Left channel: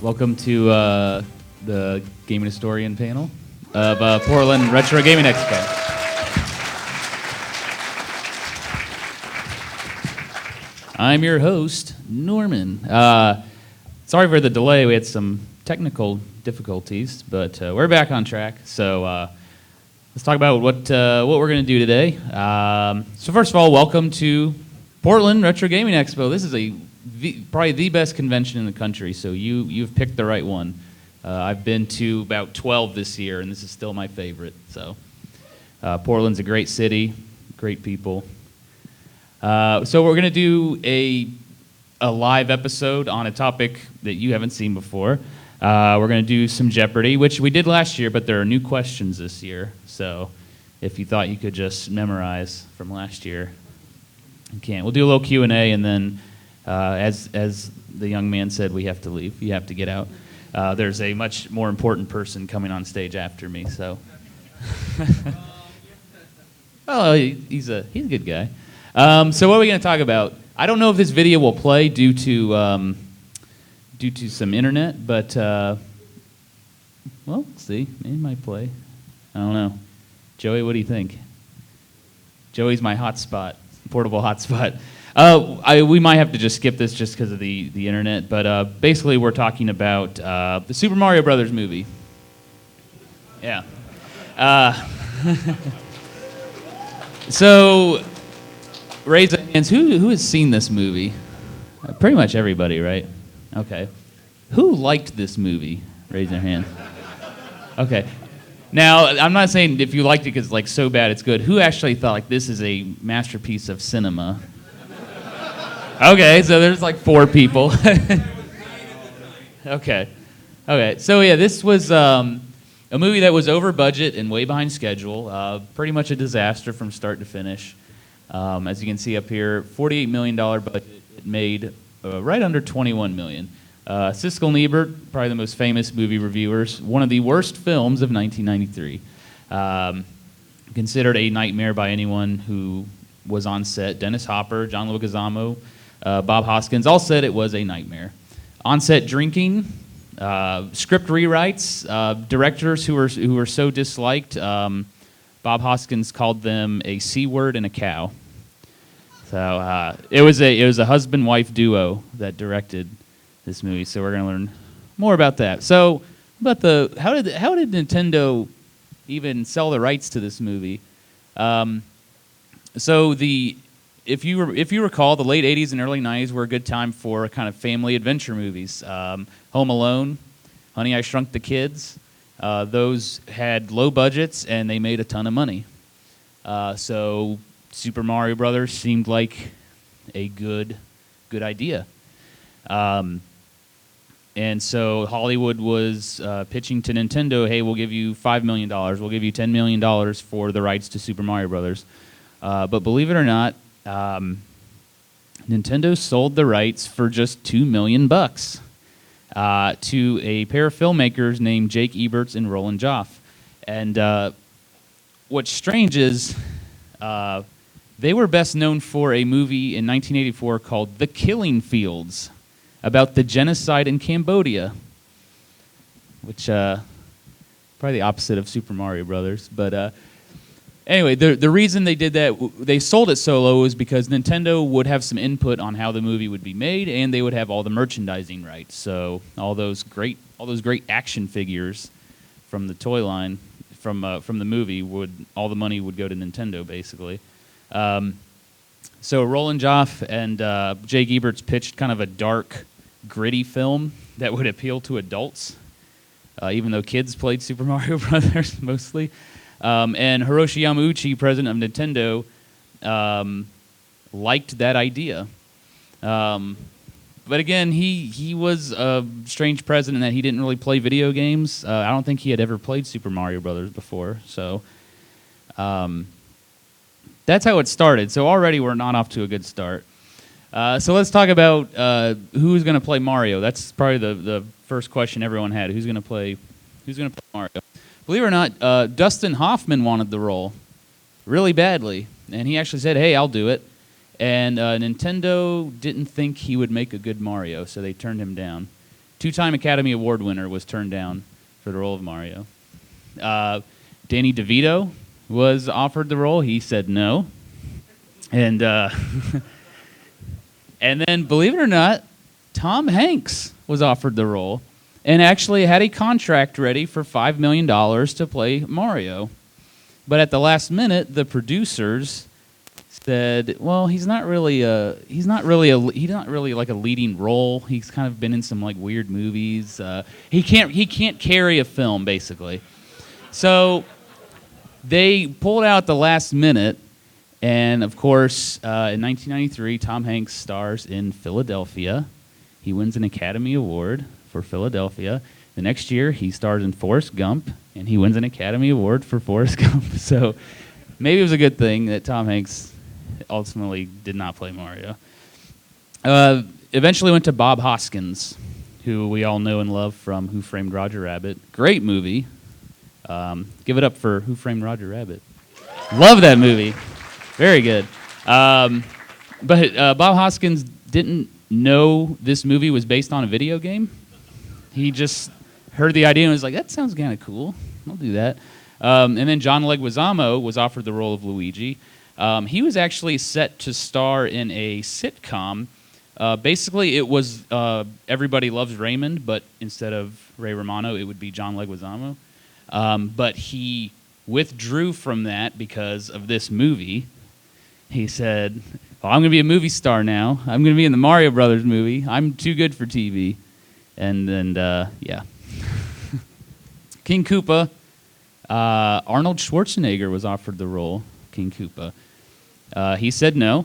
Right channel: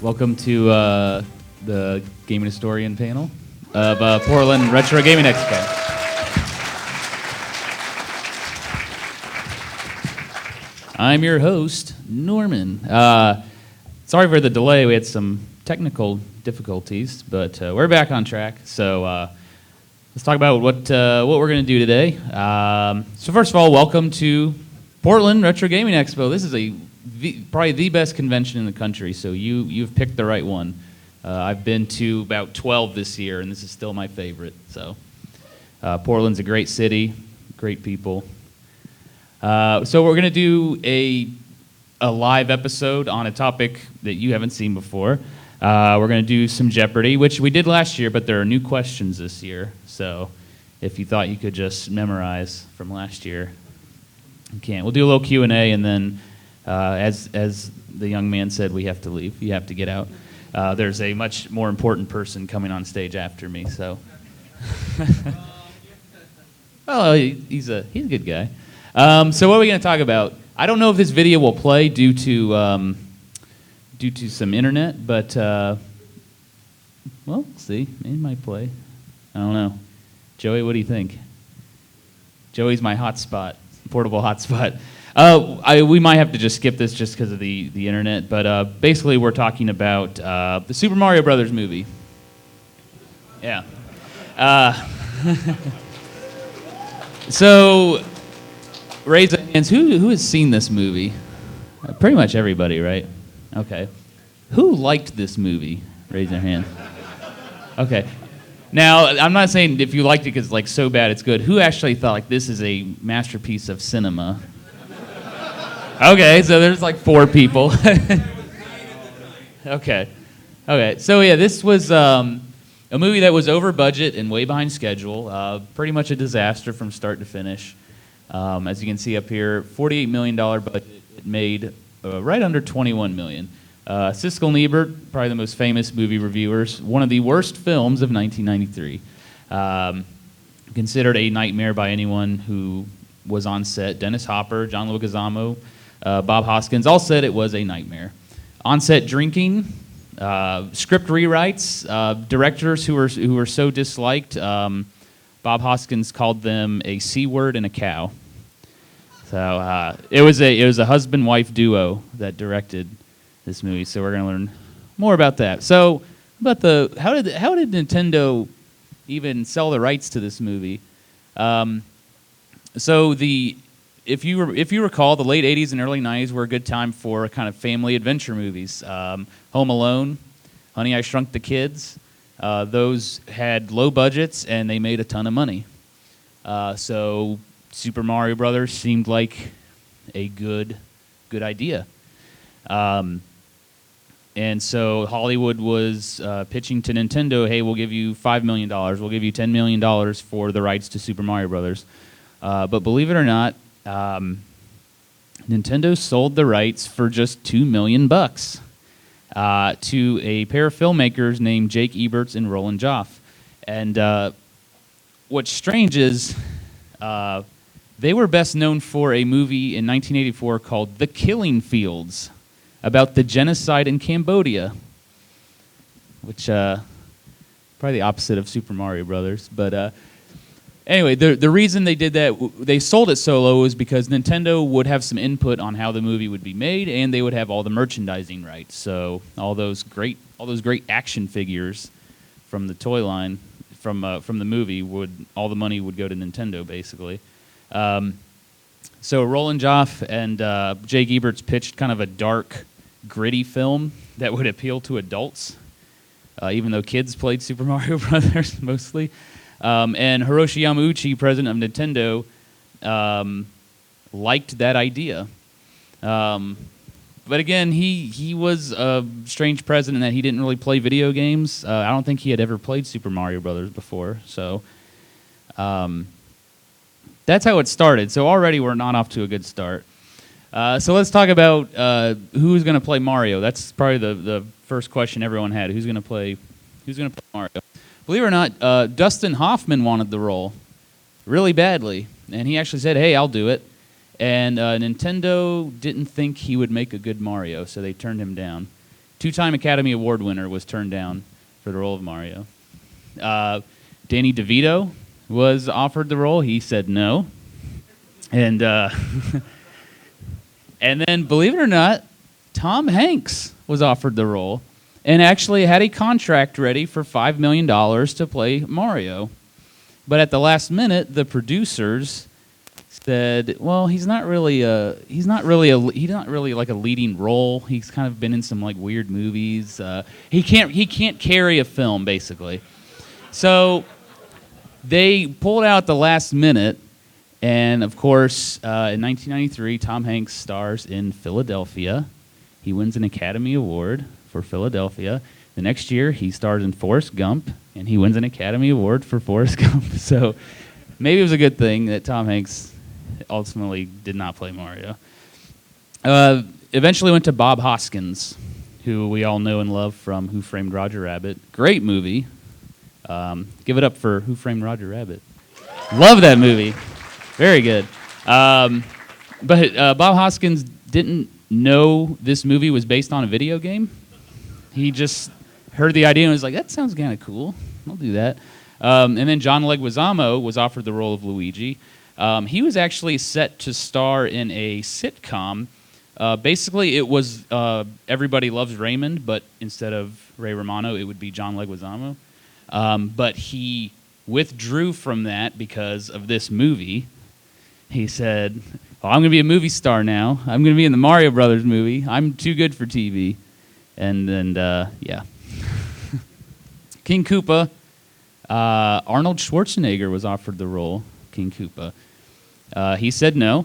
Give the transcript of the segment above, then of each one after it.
Welcome to the Gaming Historian panel of Portland Retro Gaming Expo. I'm your host, Norman. Sorry for the delay. We had some technical difficulties, but we're back on track. So let's talk about what we're going to do today. So first of all, welcome to Portland Retro Gaming Expo. This is probably the best convention in the country, so you've picked the right one. I've been to about 12 this year, and this is still my favorite. So Portland's a great city, great people. So we're going to do a live episode on a topic that you haven't seen before. We're going to do some Jeopardy, which we did last year, but there are new questions this year. So if you thought you could just memorize from last year, you can't. We'll do a little Q&A, and then as the young man said, we have to leave. You have to get out. There's a much more important person coming on stage after me. So, oh, he's a good guy. So what are we going to talk about? I don't know if this video will play due to some internet, but well, let's see. It might play. I don't know. Joey, what do you think? Joey's my hotspot, portable hotspot. We might have to just skip this just because of the internet, but basically we're talking about the Super Mario Brothers movie. Yeah. So, raise your hands. Who has seen this movie? Pretty much everybody, right? Okay. Who liked this movie? Raise your hand. Okay. Now, I'm not saying if you liked it because it's like so bad it's good. Who actually thought like this is a masterpiece of cinema? Okay, so there's like 4 people. Okay. So yeah, this was a movie that was over budget and way behind schedule. Pretty much a disaster from start to finish. As you can see up here, $48 million budget. It made right under $21 million. Siskel and Ebert, probably the most famous movie reviewers, one of the worst films of 1993. Considered a nightmare by anyone who was on set. Dennis Hopper, John Leguizamo, Bob Hoskins all said it was a nightmare. On-set drinking, script rewrites, directors who were so disliked. Bob Hoskins called them a C word and a cow. So it was a husband-wife duo that directed this movie. So we're going to learn more about that. So about how did Nintendo even sell the rights to this movie? If you recall, the late 80s and early 90s were a good time for kind of family adventure movies. Home Alone, Honey, I Shrunk the Kids. Those had low budgets and they made a ton of money. So Super Mario Brothers seemed like a good idea. And so Hollywood was pitching to Nintendo, hey, we'll give you $5 million, we'll give you $10 million for the rights to Super Mario Brothers. But believe it or not, Nintendo sold the rights for just $2 million to a pair of filmmakers named Jake Eberts and Roland Joff. And what's strange is they were best known for a movie in 1984 called The Killing Fields about the genocide in Cambodia, which probably the opposite of Super Mario Brothers. But anyway, the reason they did that, they sold it so low, was because Nintendo would have some input on how the movie would be made, and they would have all the merchandising rights. So all those great action figures from the toy line, from the movie, all the money would go to Nintendo basically. So Roland Joff and Jake Eberts pitched kind of a dark, gritty film that would appeal to adults, even though kids played Super Mario Brothers mostly. And Hiroshi Yamauchi, president of Nintendo, liked that idea. But again, he was a strange president in that he didn't really play video games. I don't think he had ever played Super Mario Brothers before. So that's how it started. So already we're not off to a good start. So let's talk about who's going to play Mario. That's probably the first question everyone had. Who's going to play Mario? Believe it or not, Dustin Hoffman wanted the role really badly, and he actually said, hey, I'll do it. And Nintendo didn't think he would make a good Mario, so they turned him down. two-time Academy Award winner, was turned down for the role of Mario. Danny DeVito was offered the role. He said no. And and then, believe it or not, Tom Hanks was offered the role and actually had a contract ready for $5 million to play Mario. But at the last minute, the producers said, "Well, he's not really like a leading role. He's kind of been in some like weird movies. He can't carry a film, basically." So they pulled out the last minute, and of course, in 1993, Tom Hanks stars in Philadelphia. He wins an Academy Award for Philadelphia. The next year, he stars in Forrest Gump, and he wins an Academy Award for Forrest Gump. So maybe it was a good thing that Tom Hanks ultimately did not play Mario. Eventually went to Bob Hoskins, who we all know and love from Who Framed Roger Rabbit. Great movie. Give it up for Who Framed Roger Rabbit. Love that movie. Very good. But Bob Hoskins didn't know this movie was based on a video game. He just heard the idea and was like, that sounds kind of cool. I'll do that. And then John Leguizamo was offered the role of Luigi. He was actually set to star in a sitcom. Basically, it was Everybody Loves Raymond, but instead of Ray Romano, it would be John Leguizamo. But he withdrew from that because of this movie. He said, "Well, I'm going to be a movie star now. I'm going to be in the Mario Brothers movie. I'm too good for TV." And then, yeah. King Koopa. Arnold Schwarzenegger was offered the role, King Koopa. He said no.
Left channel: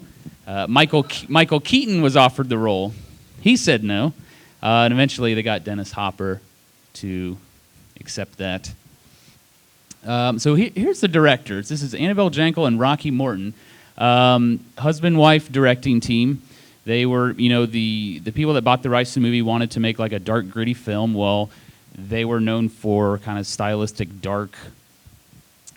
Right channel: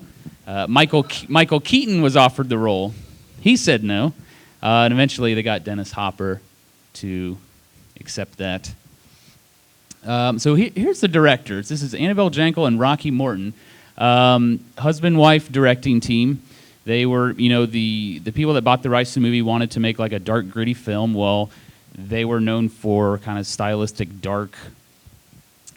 Michael Keaton was offered the role. He said no. And eventually they got Dennis Hopper to accept that. So here's the directors. This is Annabelle Jankel and Rocky Morton. Husband-wife directing team. They were, the people that bought the rights to the movie wanted to make like a dark, gritty film. Well, they were known for kind of stylistic, dark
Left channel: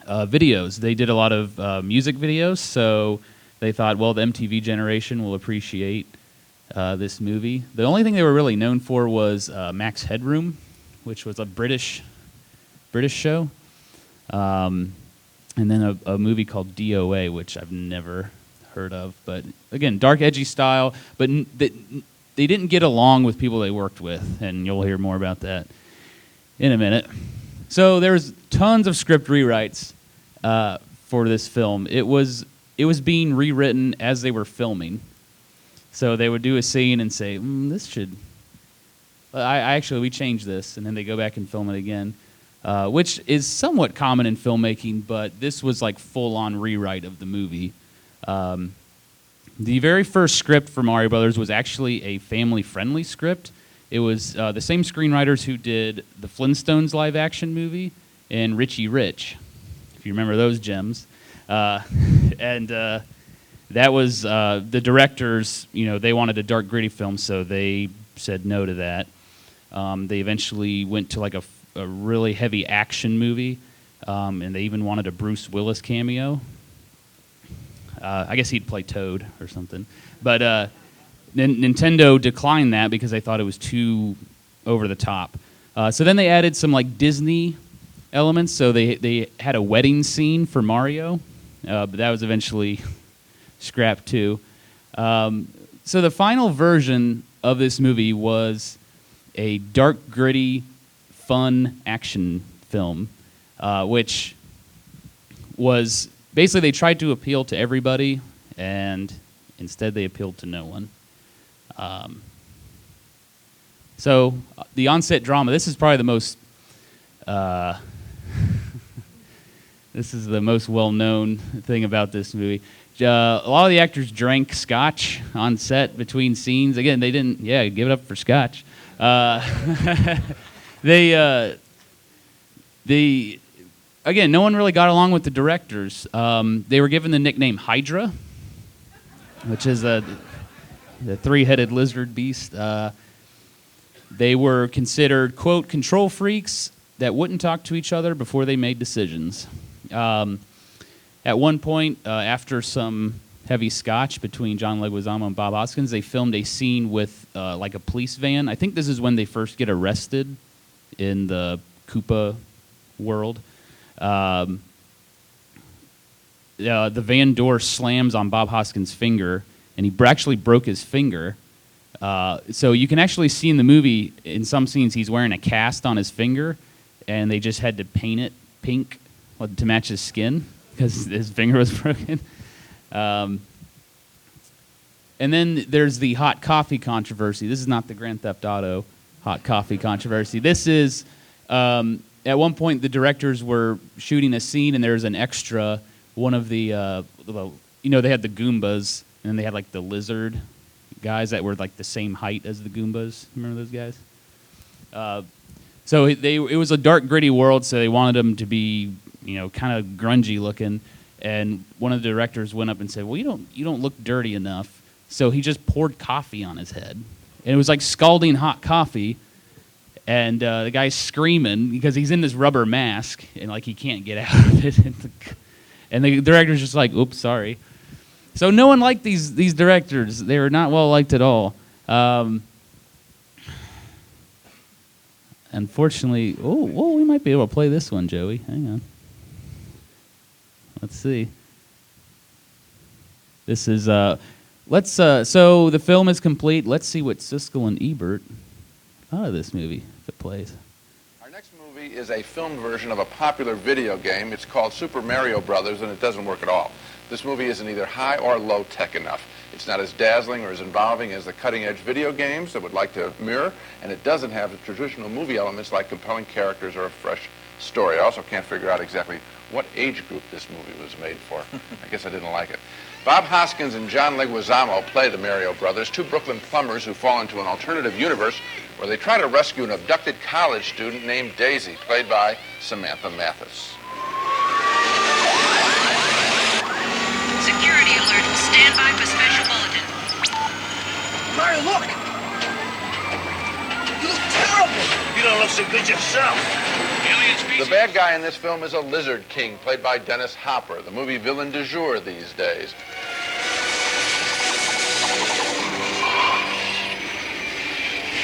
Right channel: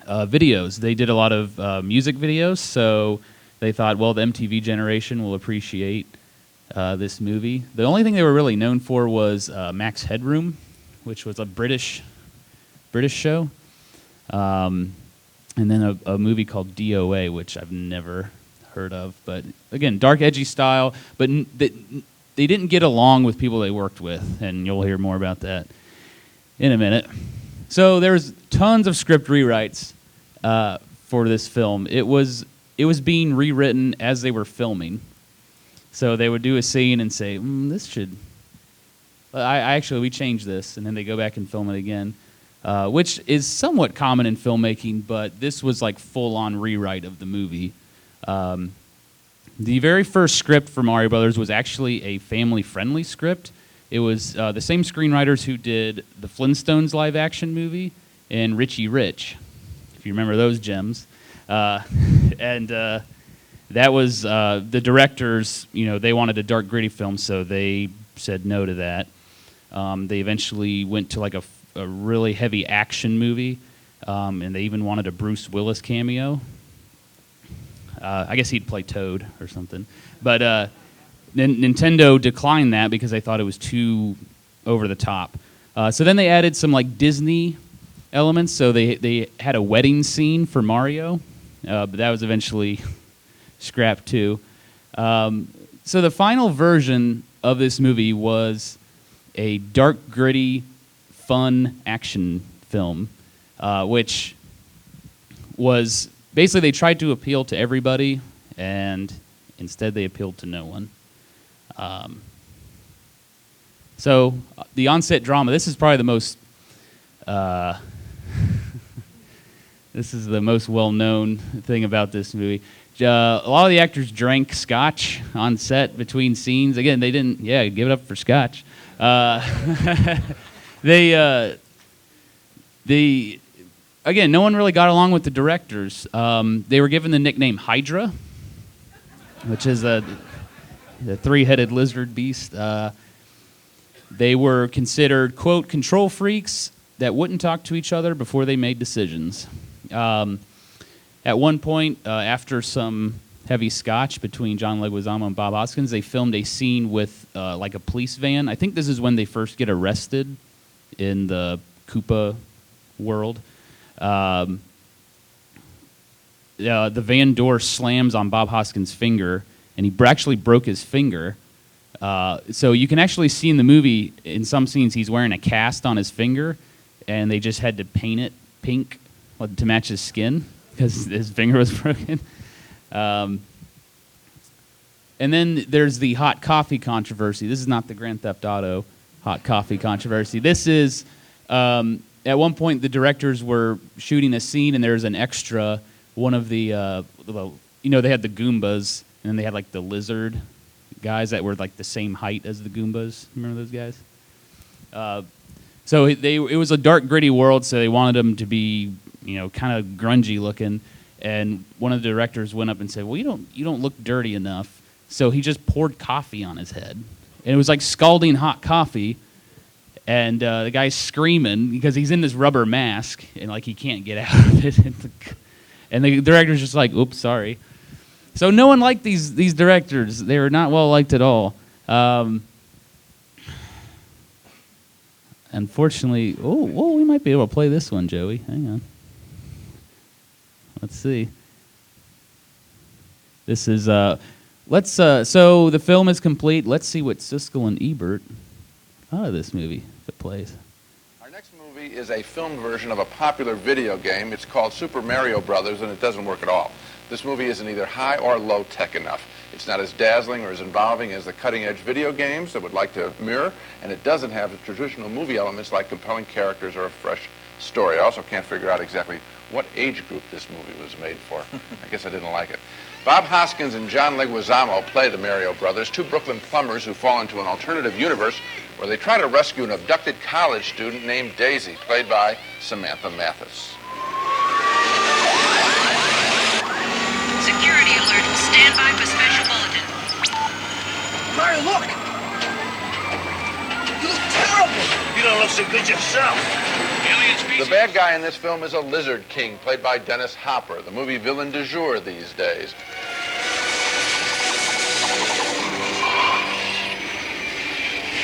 videos. They did a lot of music videos, so they thought, well, the MTV generation will appreciate this movie. The only thing they were really known for was Max Headroom, which was a British show. And then a movie called DOA, which I've never heard of. But again, dark, edgy style. But they didn't get along with people they worked with, and you'll hear more about that in a minute. So there was tons of script rewrites for this film. It was being rewritten as they were filming. So they would do a scene and say, "This should." We changed this, and then they go back and film it again. Which is somewhat common in filmmaking, but this was like full-on rewrite of the movie. The very first script for Mario Brothers was actually a family-friendly script. It was the same screenwriters who did the Flintstones live-action movie and Richie Rich, if you remember those gems. And that was the directors, they wanted a dark, gritty film, so they said no to that. They eventually went to like a really heavy action movie, and they even wanted a Bruce Willis cameo. I guess he'd play Toad or something. But Nintendo declined that because they thought it was too over the top. So then they added some like Disney elements. So they had a wedding scene for Mario, but that was eventually scrapped too. So the final version of this movie was a dark, gritty, fun action film, which was basically they tried to appeal to everybody, and instead they appealed to no one. So the on-set drama. This is probably the most. This is the most well-known thing about this movie. A lot of the actors drank scotch on set between scenes. Again, they didn't. Yeah, give it up for scotch. Again, no one really got along with the directors. They were given the nickname Hydra, which is the three-headed lizard beast. They were considered, quote, control freaks that wouldn't talk to each other before they made decisions. At one point, after some heavy scotch between John Leguizamo and Bob Hoskins. They filmed a scene with like a police van. I think this is when they first get arrested in the Koopa world. The van door slams on Bob Hoskins' finger, and he actually broke his finger. So you can actually see in the movie, in some scenes, he's wearing a cast on his finger, and they just had to paint it pink to match his skin because his finger was broken. And then there's the hot coffee controversy. This is not the Grand Theft Auto hot coffee controversy. This is, at one point, the directors were shooting a scene, and there was an extra, one of the, they had the Goombas, and then they had like the lizard guys that were like the same height as the Goombas. Remember those guys? So it was a dark, gritty world, so they wanted them to be, kind of grungy looking. And one of the directors went up and said, "Well, you don't look dirty enough." So he just poured coffee on his head, and it was like scalding hot coffee. And the guy's screaming because he's in this rubber mask, and like he can't get out of it. And the director's just like, "Oops, sorry." So no one liked these directors. They were not well liked at all. Unfortunately, we might be able to play this one, Joey. Hang on. Let's see. This is so the film is complete. Let's see what Siskel and Ebert thought of this movie if it plays. Our next movie is a filmed version of a popular video game. It's called Super Mario Brothers, and it doesn't work at all. This movie isn't either high or low tech enough. It's not as dazzling or as involving as the cutting-edge video games that would like to mirror, and it doesn't have the traditional movie elements like compelling characters or a fresh story. I also can't figure out exactly what age group this movie was made for. I guess I didn't like it. Bob Hoskins and John Leguizamo play the Mario Brothers, two Brooklyn plumbers who fall into an alternative universe where they try to rescue an abducted college student named Daisy, played by Samantha Mathis. Security alert. Stand by for special bulletin. Mario, look! You look terrible! You don't look so good yourself. The bad guy in this film is a lizard king, played by Dennis Hopper, the movie villain du jour these days.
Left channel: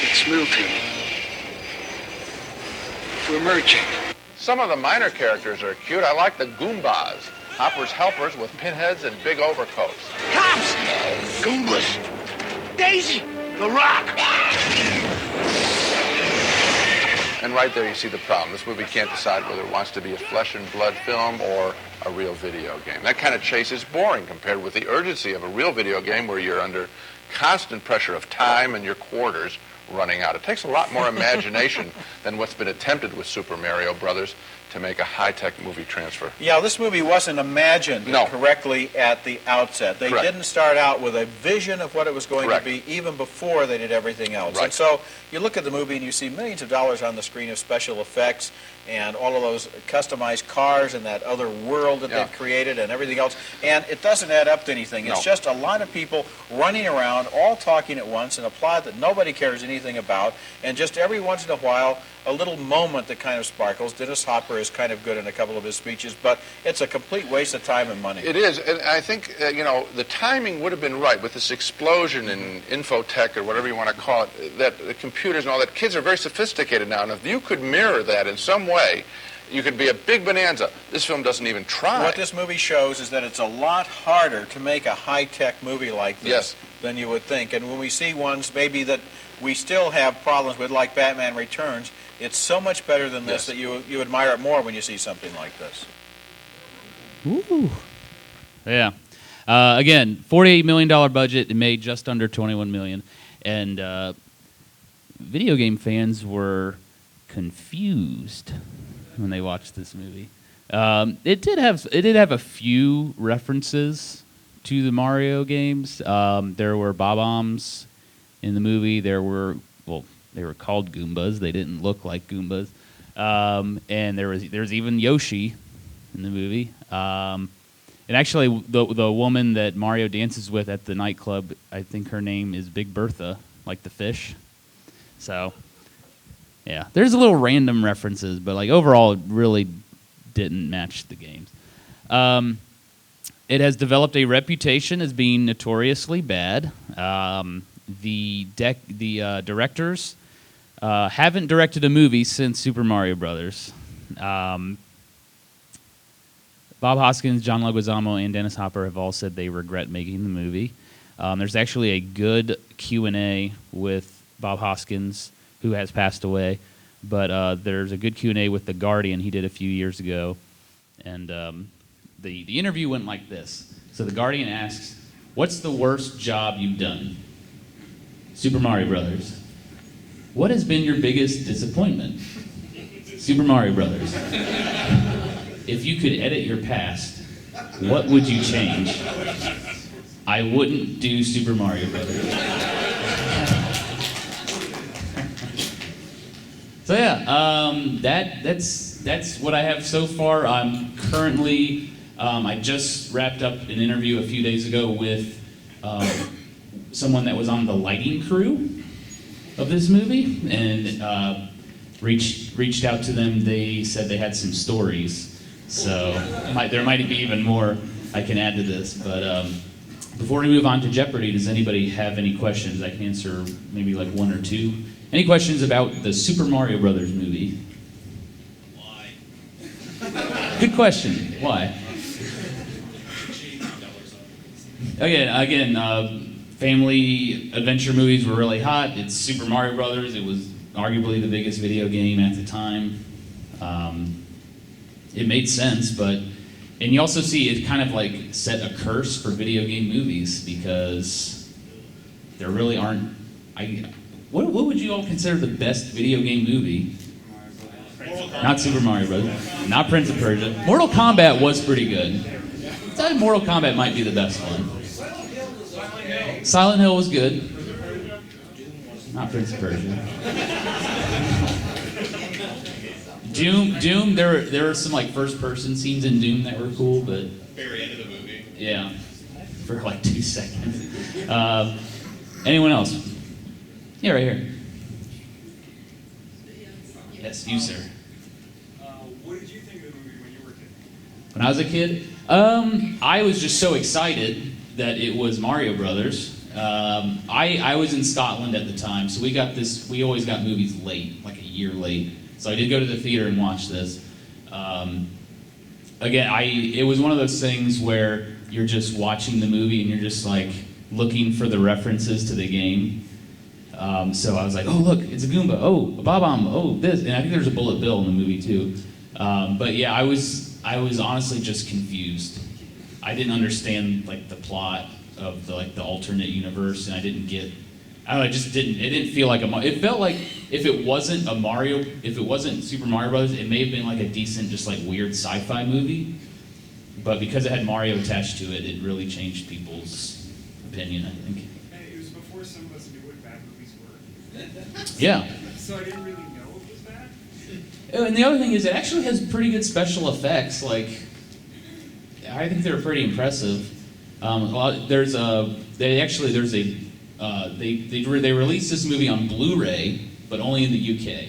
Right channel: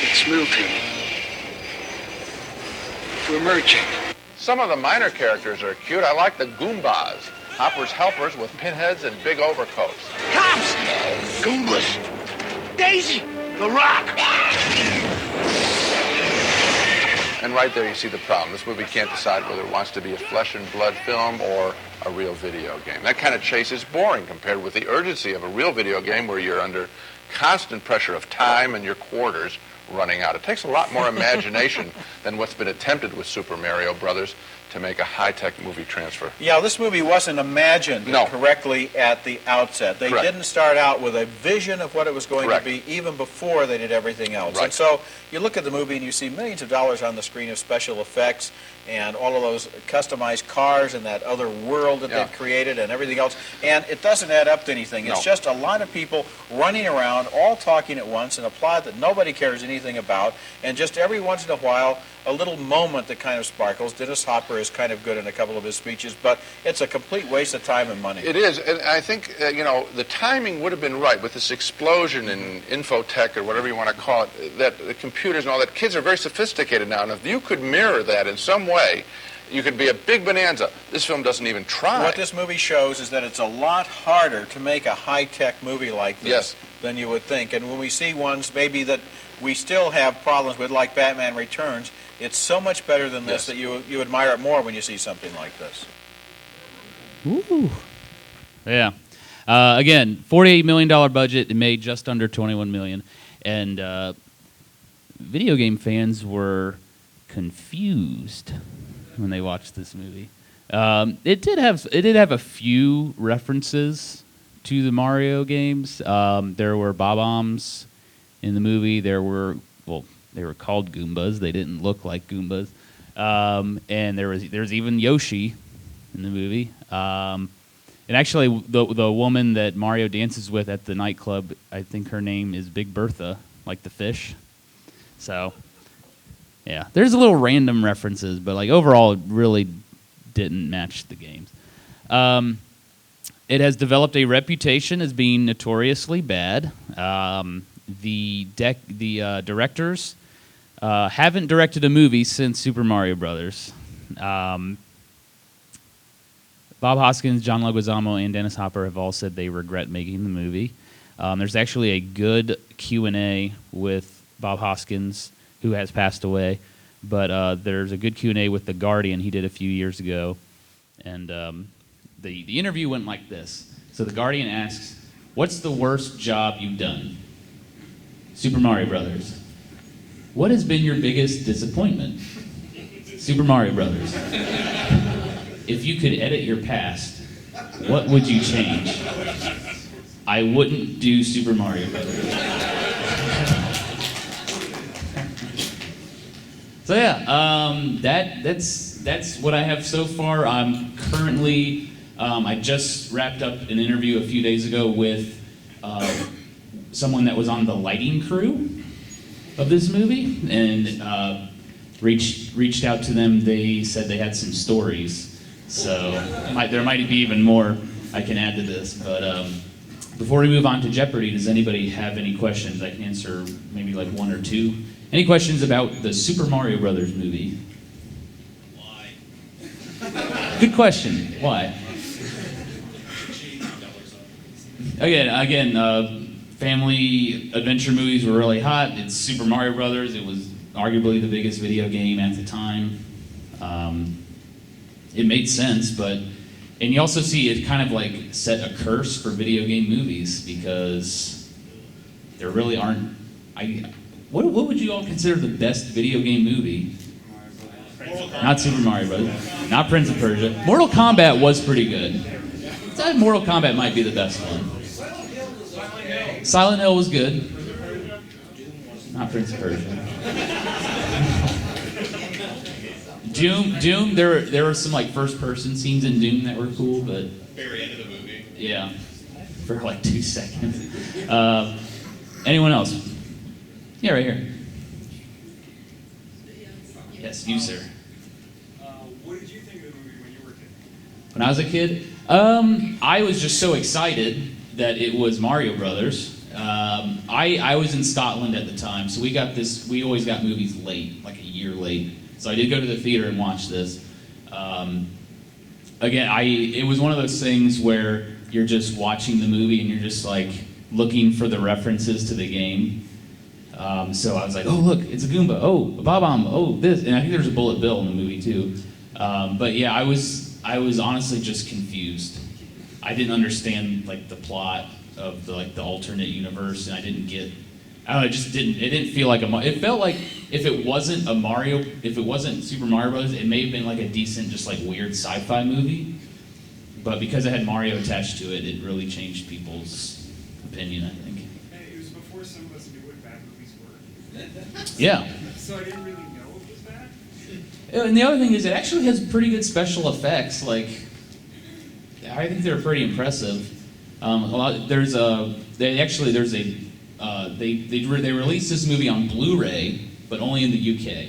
It's Milton. We're merging. Some of the minor characters are cute. I like the Goombas, Hopper's helpers with pinheads and big overcoats. Cops! Goombas! Daisy! The Rock! And right there you see the problem. This movie can't decide whether it wants to be a flesh and blood film or a real video game. That kind of chase is boring compared with the urgency of a real video game where you're under constant pressure of time and your quarters running out. It takes a lot more imagination than what's been attempted with Super Mario Brothers to make a high-tech movie transfer. Yeah, this movie wasn't imagined correctly at the outset. They didn't start out with a vision of what it was going to be even before they did everything else. And so you look at the movie and you see millions of dollars on the screen of special effects and all of those customized cars and that other world that they've created and everything else. And it doesn't add up to anything. It's just a lot of people running around, all talking at once in a plot that nobody cares anything about. And just every once in a while, a little moment that kind of sparkles. Dennis Hopper is kind of good in a couple of his speeches, but it's a complete waste of time and money. It is, and I think, the timing would have been right with this explosion in infotech or whatever you want to call it, that the computers and all that. Kids are very sophisticated now, and if you could mirror that in some way, you could be a big bonanza. This film doesn't even try. What this movie shows is that it's a lot harder to make a high-tech movie like this than you would think. And when we see ones maybe that we still have problems with, like Batman Returns, it's so much better than this that you admire it more when you see something like this. Ooh. Yeah. Again, $48 million budget. It made just under $21 million. And video game fans were confused when they watched this movie. It did have a few references to the Mario games. There were Bob-ombs in the movie. They were called Goombas. They didn't look like Goombas. And there was even Yoshi in the movie. And actually, the woman that Mario dances with at the nightclub, I think her name is Big Bertha, like the fish. So, yeah, there's a little random references, but like overall, it really didn't match the games. It has developed a reputation as being notoriously bad. The directors haven't directed a movie since Super Mario Brothers. Bob Hoskins, John Leguizamo, and Dennis Hopper have all said they regret making the movie. There's actually a good Q&A with Bob Hoskins, who has passed away, but there's a good Q&A with The Guardian he did a few years ago, and the interview went like this. So The Guardian asks, "What's the worst job you've done?" Super Mario Brothers. "What has been your biggest disappointment?" Super Mario Brothers. "If you could edit your past, what would you change?" "I wouldn't do Super Mario Brothers." So yeah, that's what I have so far. I'm currently, I just wrapped up an interview a few days ago with someone that was on the lighting crew of this movie, and reached out to them. They said they had some stories, so there might be even more I can add to this. But before we move on to Jeopardy, does anybody have any questions? I can answer maybe like one or two. Any questions about the Super Mario Brothers movie? Why? Good question. Why? Again, family adventure movies were really hot. It's Super Mario Brothers. It was arguably the biggest video game at the time. It made sense, and you also see it kind of like set a curse for video game movies, because there really aren't. What would you all consider the best video game movie? Not Super Mario Brothers. Not Prince of Persia. Mortal Kombat was pretty good. I thought Mortal Kombat might be the best one. Silent Hill was good. Not Prince of Persia. Doom. There were some like first-person scenes in Doom that were cool, but Very end of the movie. yeah, for like 2 seconds. Anyone else? Yeah, right here. Yes, you, sir. What did you think of the movie when you were a kid? When I was a kid, I was just so excited that it was Mario Brothers. I was in Scotland at the time, so we always got movies late, like a year late. So I did go to the theater and watch this. It was one of those things where you're just watching the movie and you're just like looking for the references to the game. So I was like, oh look, it's a Goomba. Oh, a Bob-omb. Oh, this, and I think there's a Bullet Bill in the movie too. But yeah, I was honestly just confused. I didn't understand like the plot of the alternate universe, and I didn't get. I don't know. It didn't feel like it felt like if it wasn't Super Mario Brothers, it may have been like a decent, just like weird sci-fi movie. But because it had Mario attached to it, it really changed people's opinion, I think. And it was before some of us knew what bad movies were. Yeah. So I didn't really know it was bad. And the other thing is, it actually has pretty good special effects. Like, I think they're pretty impressive. They released this movie on Blu-ray, but only in the UK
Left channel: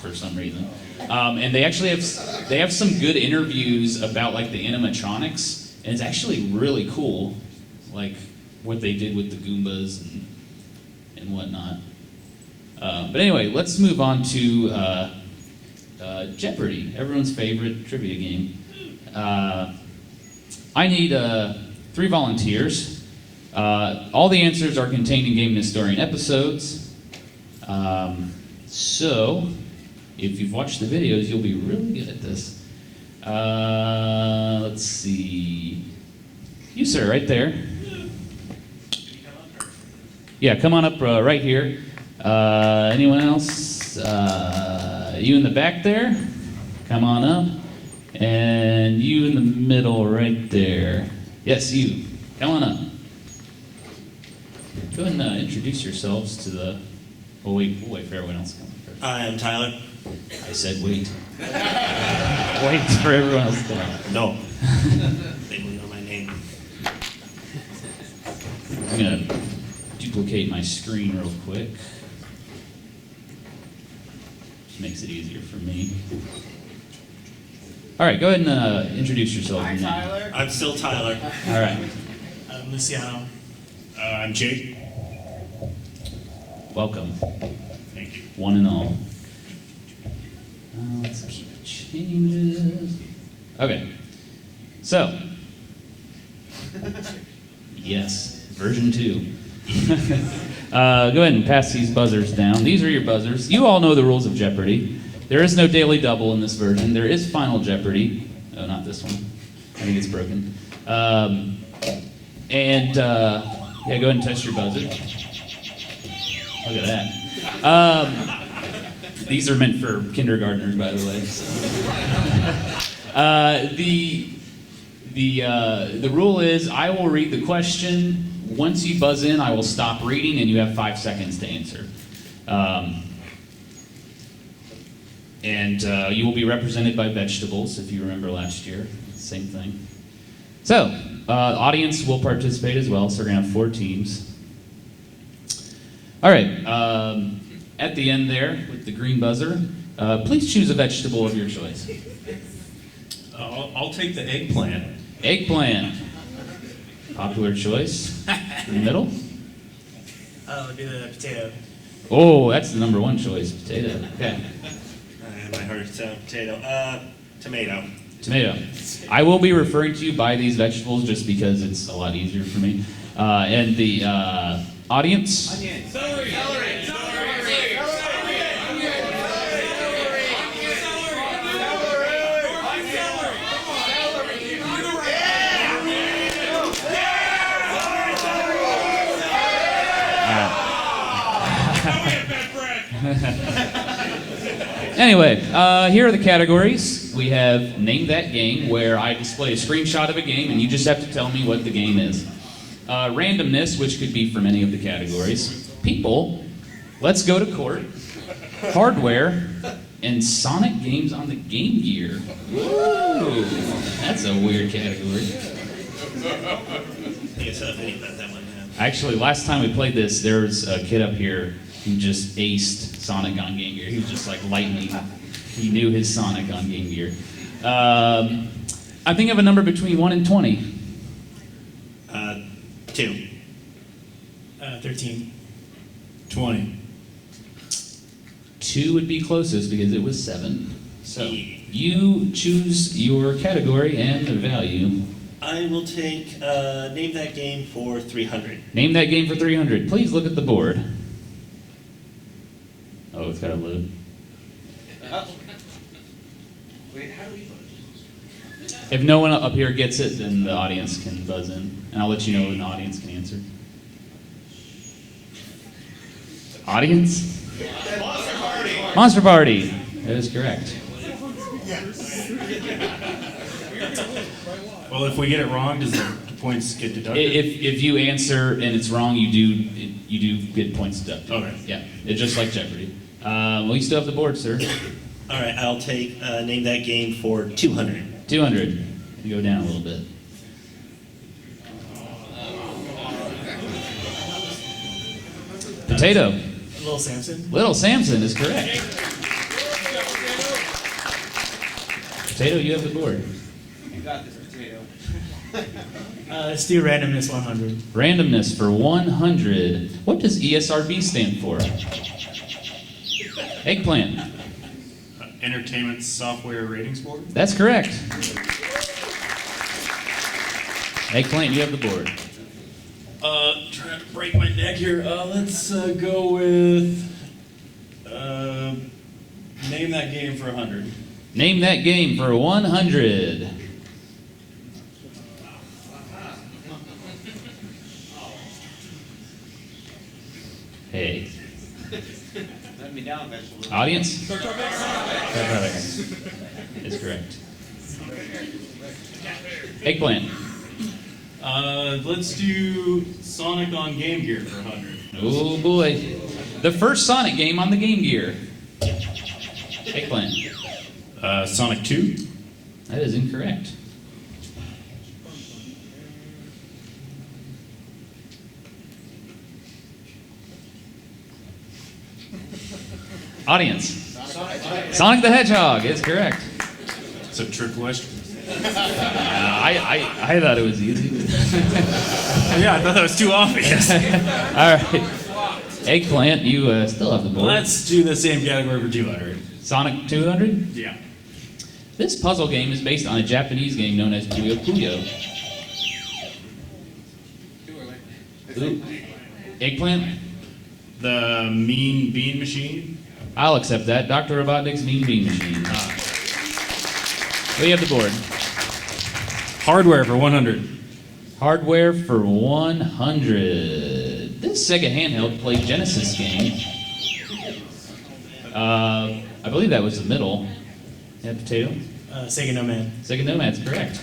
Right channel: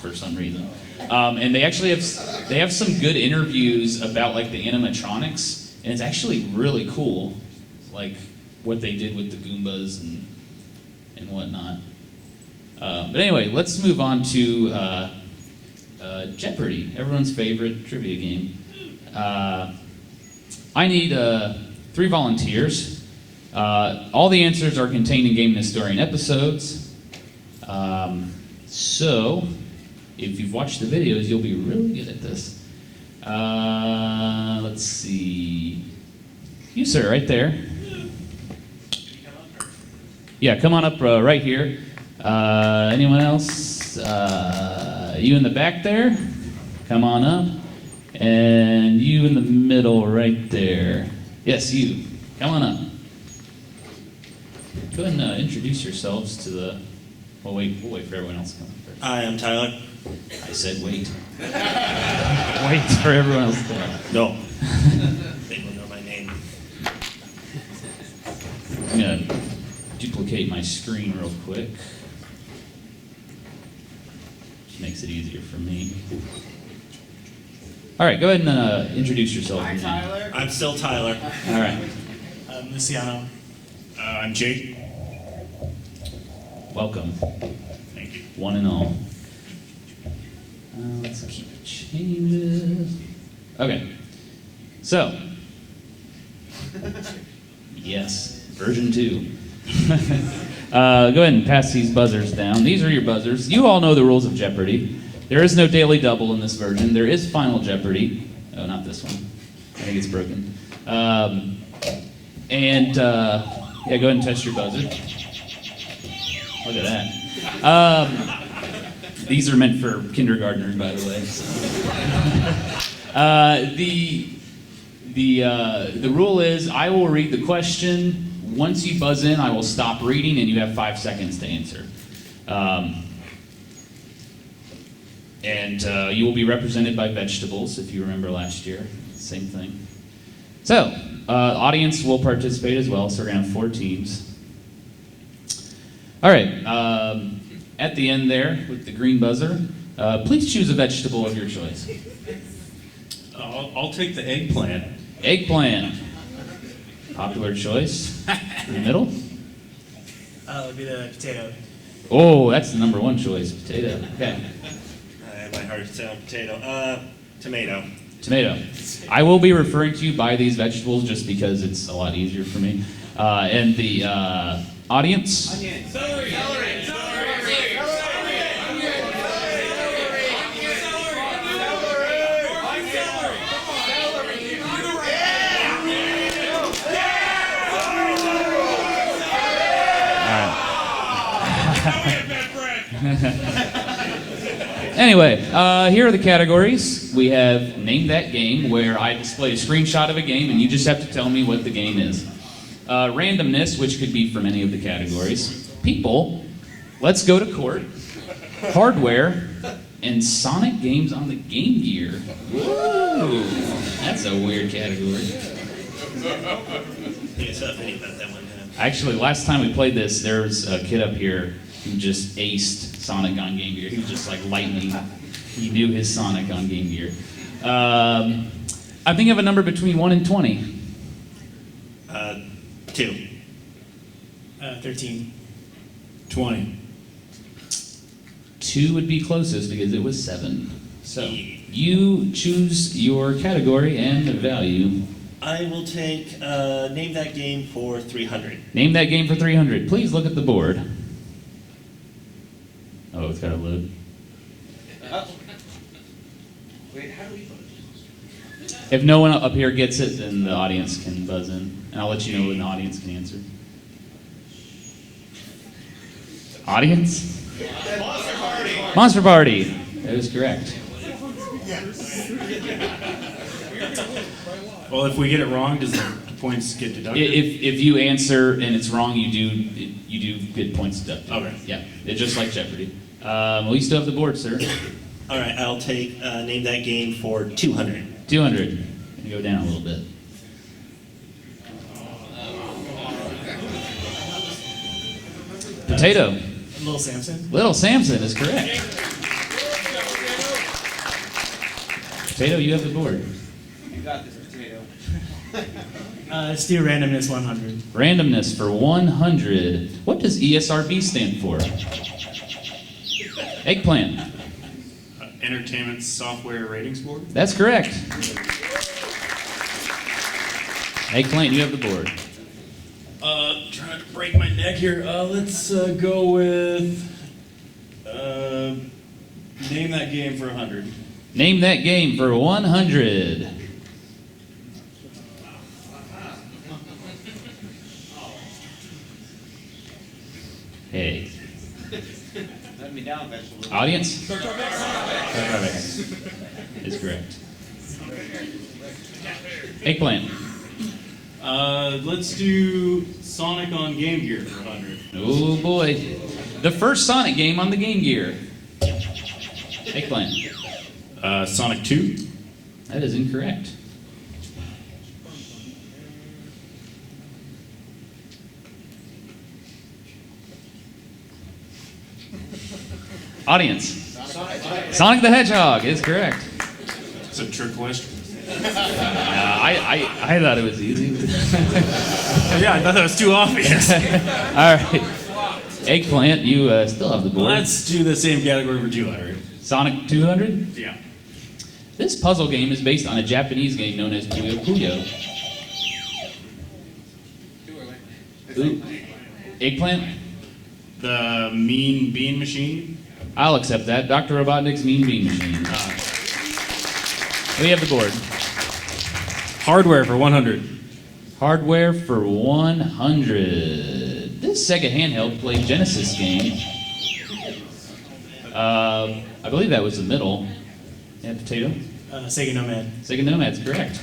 for some reason. And they actually have some good interviews about like the animatronics, and it's actually really cool, like what they did with the Goombas and whatnot. But anyway, let's move on to Jeopardy, everyone's favorite trivia game. I need 3 volunteers. All the answers are contained in Game Historian episodes. So, if you've watched the videos, you'll be really good at this. Let's see. You, sir, right there. Yeah, come on up right here. Anyone else? You in the back there? Come on up. And you in the middle right there. Yes, you. Come on up. Go ahead and introduce yourselves to the... We'll wait for everyone else to come up first. Hi, I'm Tyler. I said wait. Wait for everyone else to come up. No. They don't know my name. I'm going to duplicate my screen real quick. Just makes it easier for me. All right, go ahead and introduce yourself. Hi, Tyler. I'm still Tyler. All right. I'm Luciano. I'm Jake. Welcome, Thank you. one and all. Let's keep changes. Okay, so, yes, version 2. Go ahead and pass these buzzers down. These are your buzzers. You all know the rules of Jeopardy. There is no daily double in this version. There is Final Jeopardy. Oh, not this one. I think it's broken. Yeah, go ahead and test your buzzer. Look at that. These are meant for kindergartners, by the way. The rule is I will read the question. Once you buzz in, I will stop reading, and you have 5 seconds to answer. You will be represented by vegetables, if you remember last year. Same thing. So, the audience will participate as well, so we're going to have 4 teams. All right, at the end there, with the green buzzer, please choose a vegetable of your choice. I'll take the eggplant. Eggplant. Popular choice. In the middle. It'll be the potato. Oh, that's the number 1 choice, potato. Okay. My heart's potato. Tomato. Tomato. I will be referring to you by these vegetables just because it's a lot easier for me. And the audience. Onion. Celery. Anyway, here are the categories. We have Name That Game, where I display a screenshot of a game, and you just have to tell me what the game is. Randomness, which could be from any of the categories. People, Let's Go to Court. Hardware, and Sonic games on the Game Gear. Woo! That's a weird category. I guess I'll think about that one. Actually, last time we played this, there was a kid up here who just aced Sonic on Game Gear. He was just like lightning. He knew his Sonic on Game Gear. I think of a number between 1 and 20. 2. 13. 20. 2 would be closest because it was 7. So you choose your category and the value. I will take Name That Game for 300. Name that game for 300. Please look at the board. Oh, it's got to load. Wait, how do we vote? If no one up here gets it, then the audience can buzz in. And I'll let you know when the audience can answer. Audience? Monster Party! Monster Party. That is correct. Well, if we get it wrong, does the points get deducted? If you answer and it's wrong, you do get points deducted. Okay. Yeah, it's just like Jeopardy. Well, you still have the board, sir. All right, I'll take Name That Game for 200. 200. You go down a little bit. Potato. Little Samson. Little Samson is correct. Potato, you have the board. You got this, potato. Let's do randomness 100. Randomness for 100. What does ESRB stand for? Eggplant. Entertainment Software Ratings Board? That's correct. Eggplant, you have the board. Trying to break my neck here. Let's go with Name That Game for 100. Name that game for 100. Hey. Let me down, vegetable. Audience? Is correct. Eggplant. Let's do Sonic on Game Gear for 100. Oh boy. The first Sonic game on the Game Gear. Eggplant. Sonic 2? That is incorrect. Audience. Sonic the Hedgehog is correct. It's a trick question. I thought it was easy. Yeah, I thought that was too obvious. All right. Eggplant, you still have the board. Let's do the same category for 200. Sonic 200? Yeah. This puzzle game is based on a Japanese game known as Puyo Puyo. Ooh. Eggplant? The Mean Bean Machine. I'll accept that. Dr. Robotnik's Mean Bean Machine. We have the board. Hardware for 100. Hardware for 100. This Sega handheld played Genesis game. I believe that was the middle. Yeah, potato? Sega Nomad. Sega Nomad's correct.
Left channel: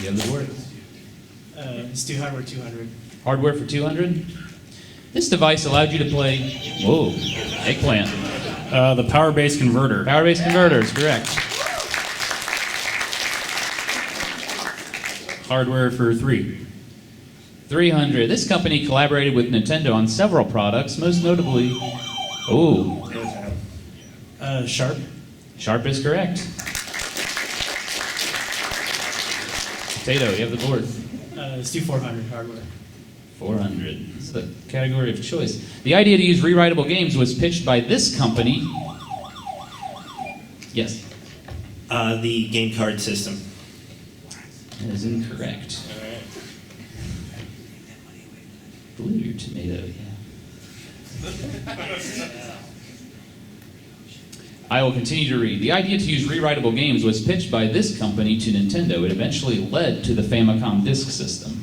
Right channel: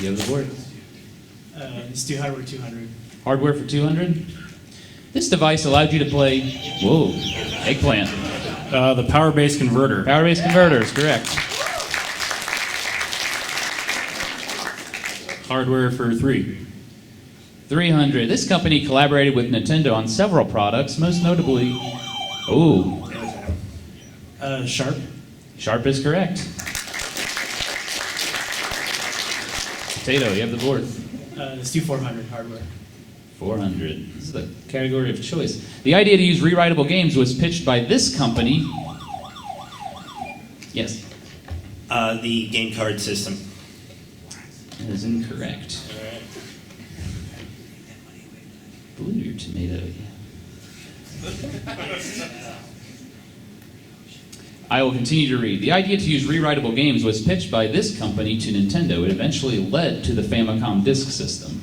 You have the board. Let's do hardware 200. Hardware for 200. This device allowed you to play. Whoa, Eggplant. The Power Base Converter. Power Base Converter is correct. Hardware for 3. 300. This company collaborated with Nintendo on several products, most notably. Oh. Sharp. Sharp is correct. Potato, you have the board. Let's do 400 hardware. 400. This is the category of choice. The idea to use rewritable games was pitched by this company. Yes. The game card system. That is incorrect. Blue your tomato, yeah. I will continue to read. The idea to use rewritable games was pitched by this company to Nintendo. It eventually led to the Famicom Disk System.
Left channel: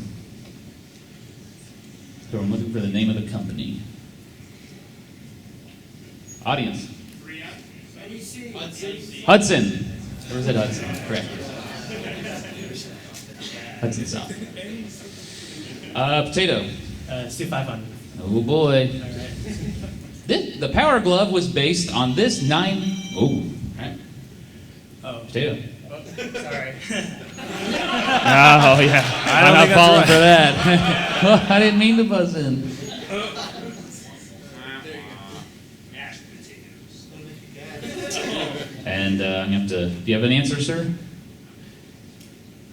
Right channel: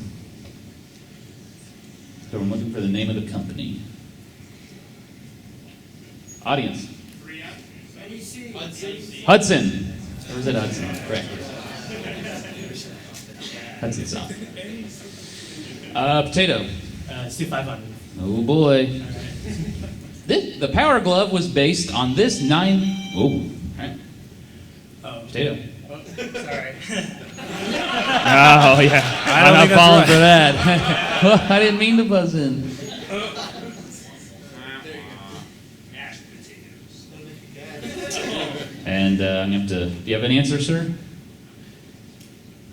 So I'm looking for the name of the company. Audience. Hudson. Or is it Hudson? Correct. Hudson South. Potato. Let's do 500. Oh boy. All right. The Power Glove was based on this 9. Oh. Right. Oh. Potato. Oh, sorry. Oh yeah. I'm not think that's falling right. for that. Well, I didn't mean to buzz in. And I'm gonna have to. Do you have an answer, sir?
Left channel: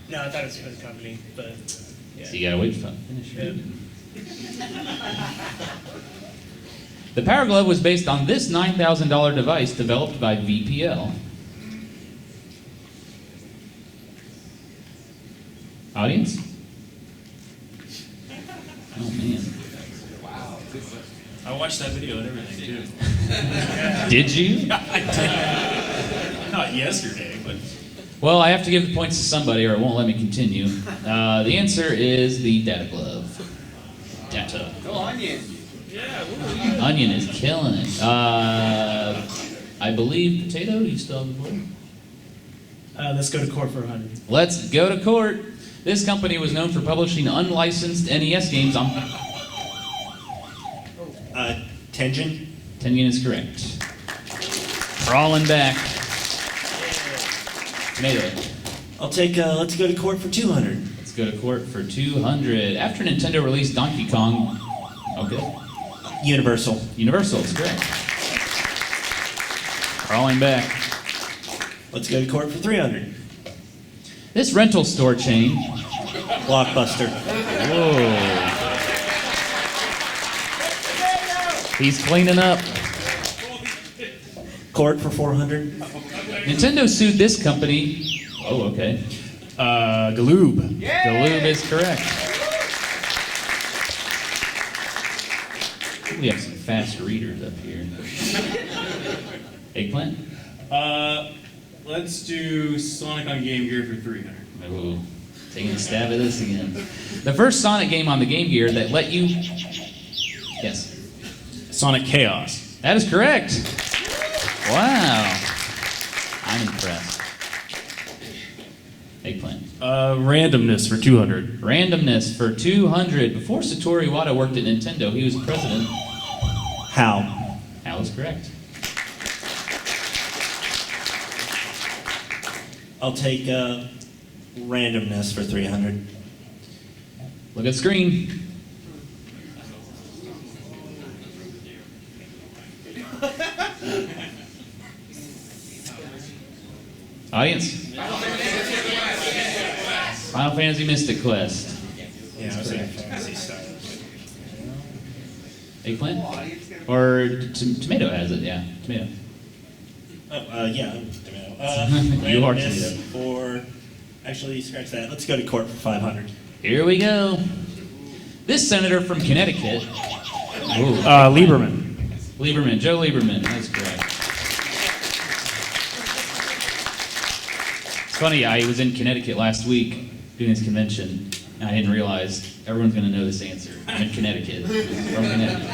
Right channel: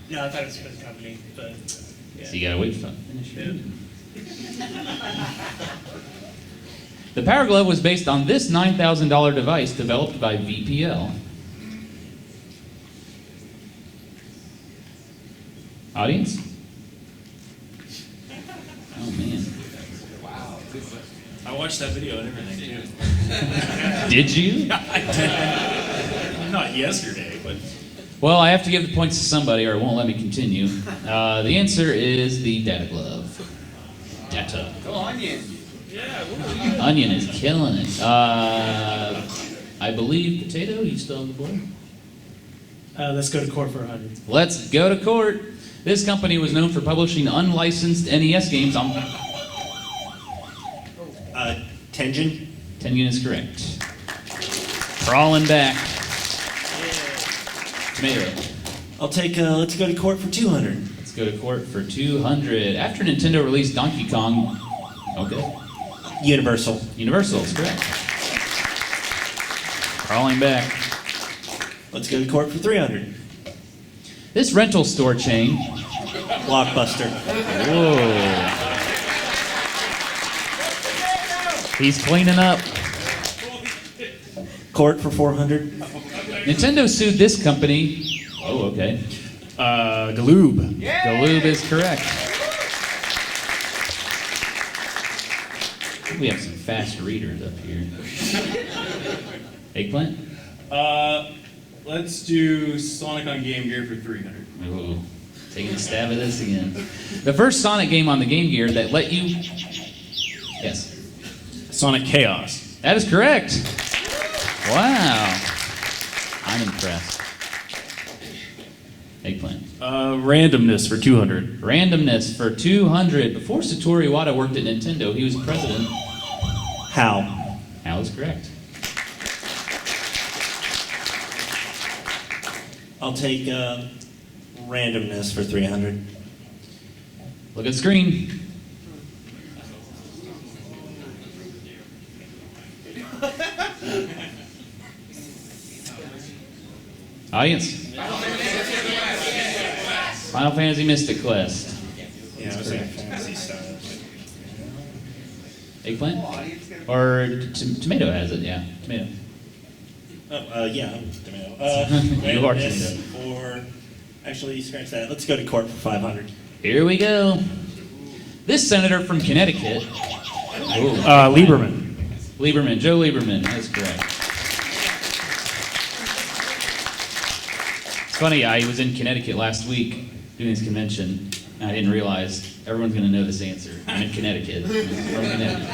No, I thought it was for the company, but yeah. So you gotta wait for finish reading. The Power Glove was based on this $9,000 device developed by VPL. Audience? Oh man. I watched that video and everything, too. Did you? I did. Not yesterday, but... Well, I have to give the points to somebody or it won't let me continue. The answer is the Data Glove. Data. Go Onion. Onion is killing it. I believe Potato, you still have the board? Let's go to court for 100. Let's go to court. This company was known for publishing unlicensed NES games on... Tengen. Tengen is correct. Crawling back. Tomato. I'll take, let's go to court for 200. Let's go to court for 200. After Nintendo released Donkey Kong... Okay. Universal. Universal is correct. Crawling back. Let's go to court for 300. This rental store chain... Blockbuster. Whoa. He's cleaning up. Court for 400. Nintendo sued this company... Oh, okay. Galoob. Galoob is correct. We have some fast readers up here. Eggplant? Let's do Sonic on Game Gear for 300. Ooh, taking a stab at this again. The first Sonic game on the Game Gear that let you... Yes. Sonic Chaos. That is correct. Wow. I'm impressed. Eggplant. Randomness for 200. Randomness for 200. Before Satoru Iwata worked at Nintendo, he was president. How? Hal is correct. I'll take randomness for 300. Look at the screen. Audience? Final Fantasy Mystic Quest. Yeah, I was saying Fantasy Star. Eggplant? Or tomato has it, yeah. Tomato. Oh, yeah, tomato. You are randomness tomato. For, actually, scratch that. Let's go to court for 500. Here we go. This senator from Connecticut. Lieberman. Lieberman, Joe Lieberman, that's correct. It's funny, I was in Connecticut last week doing this convention, and I didn't realize everyone's going to know this answer. I'm in Connecticut, from Connecticut.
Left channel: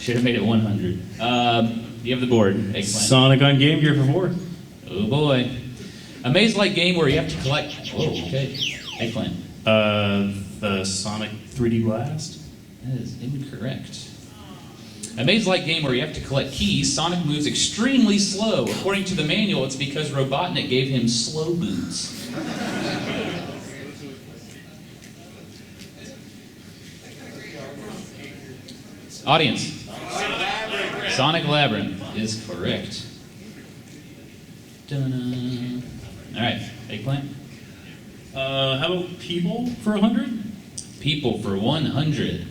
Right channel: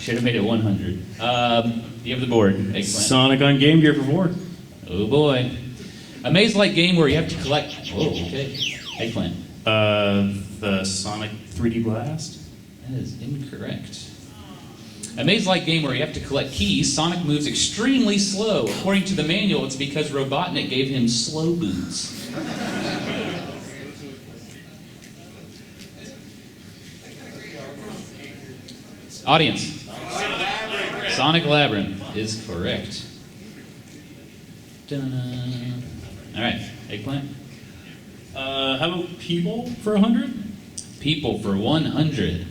Should have made it 100. You have the board, Eggplant. Sonic on Game Gear for 4. Oh boy. A maze-like game where you have to collect... Whoa, okay. Eggplant. The Sonic 3D Blast. That is incorrect. A maze-like game where you have to collect keys, Sonic moves extremely slow. According to the manual, it's because Robotnik gave him slow boots. Audience. Sonic Labyrinth is correct. Dun-dun. All right, Eggplant. How about People for 100? People for 100.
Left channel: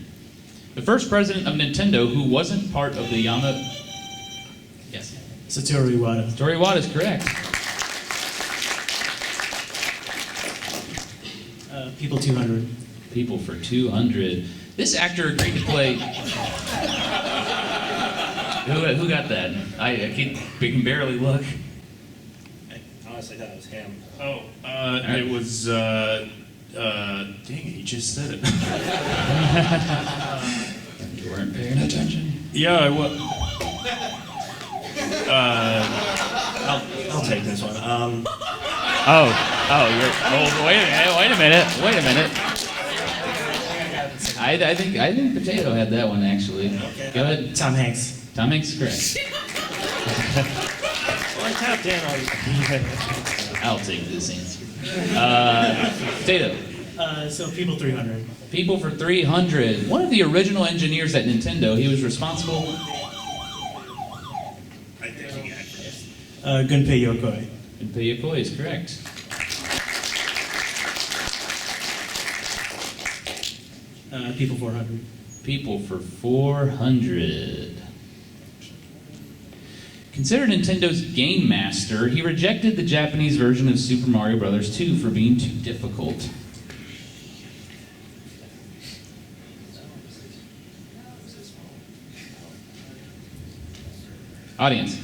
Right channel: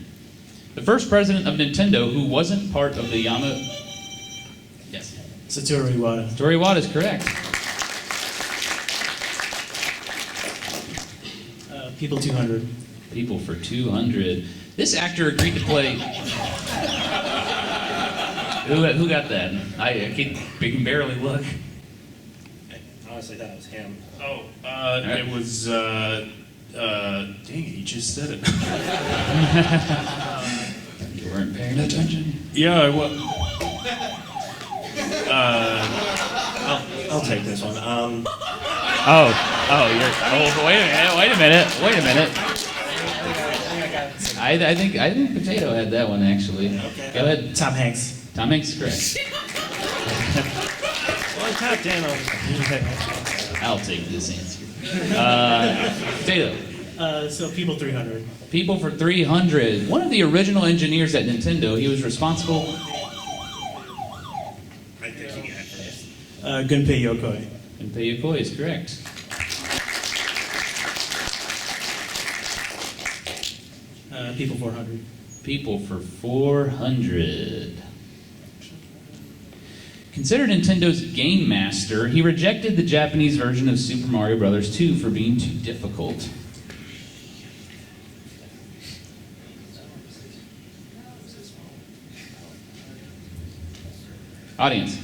The first president of Nintendo who wasn't part of the Yes. Satoru Iwata. Satoru Iwata is correct. People 200. People for 200. This actor agreed to play... Who got that? I can barely look. I honestly thought it was him. Oh, it was, dang it, you just said it. You weren't paying attention. Yeah, I was. I'll take this one. Wait a minute. I think Potato had that one actually. Go ahead. Tom Hanks. Tom Hanks is correct. Well, I tapped in on. I'll take this answer. Potato. So People 300. People for 300. One of the original engineers at Nintendo, he was responsible. I think you got this. Gunpei Yokoi. Gunpei Yokoi is correct. People 400. People for 400. Considered Nintendo's game master, he rejected the Japanese version of Super Mario Bros. 2 for being too difficult. Audience.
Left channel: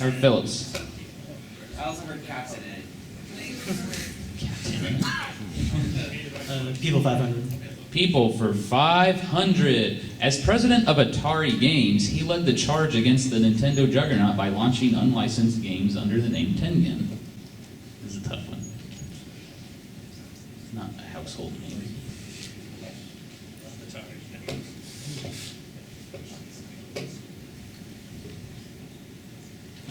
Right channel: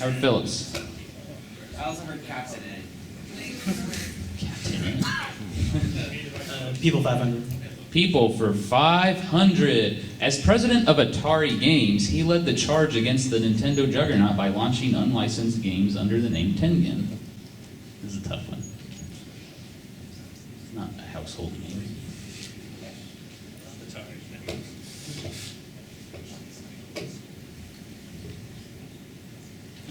Howard Phillips. I also heard Captain in it. People 500. People for 500. As president of Atari Games, he led the charge against the Nintendo juggernaut by launching unlicensed games under the name Tengen. This is a tough one. It's not a household name.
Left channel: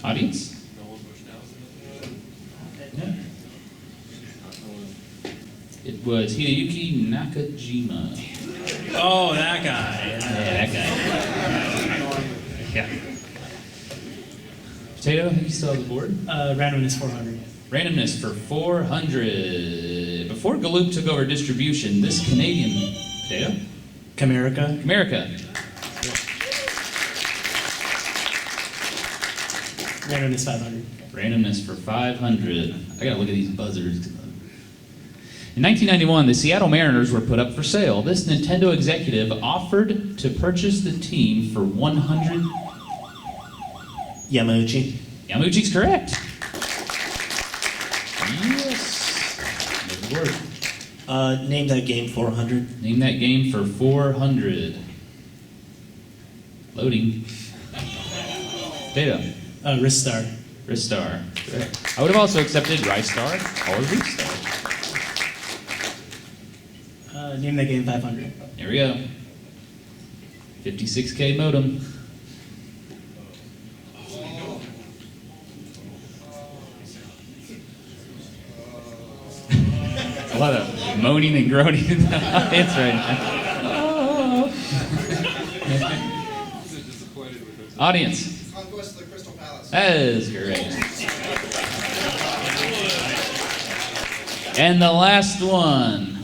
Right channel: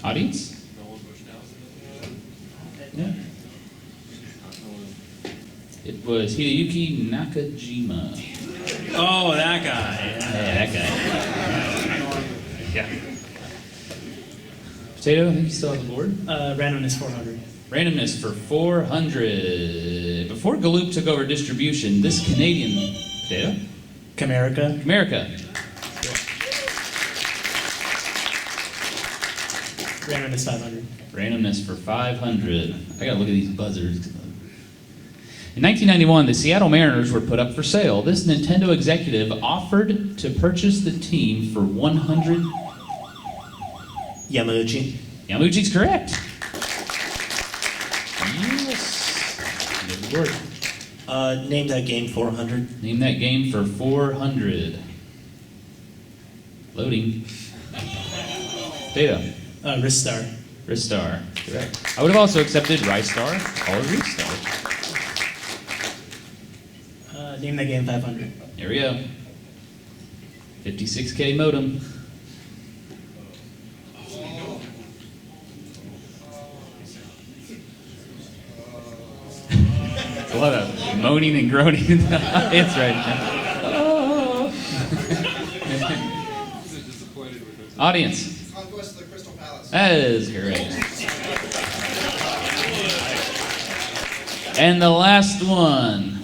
Audience? Yeah. It was Hideyuki Nakajima. Oh, that guy. Yeah, that guy. Yeah. Potato, I think you still have the board. Randomness 400. Randomness for 400. Before Galoob took over distribution, this Canadian... Potato? Camerica. Randomness 500. Randomness for 500. I gotta look at these buzzers. In 1991, the Seattle Mariners were put up for sale. This Nintendo executive offered to purchase the team for 100. Yamauchi. Yamauchi's correct. Yes. There's the board. Name that game 400. Name that game for 400. Loading. Data. Ristar. Ristar. Correct. I would have also accepted Ristar or Ristar. Name that game 500. There we go. 56K modem. A lot of moaning and groaning in the audience right now. Audience. Conquest of the Crystal Palace. That is correct. And the last one.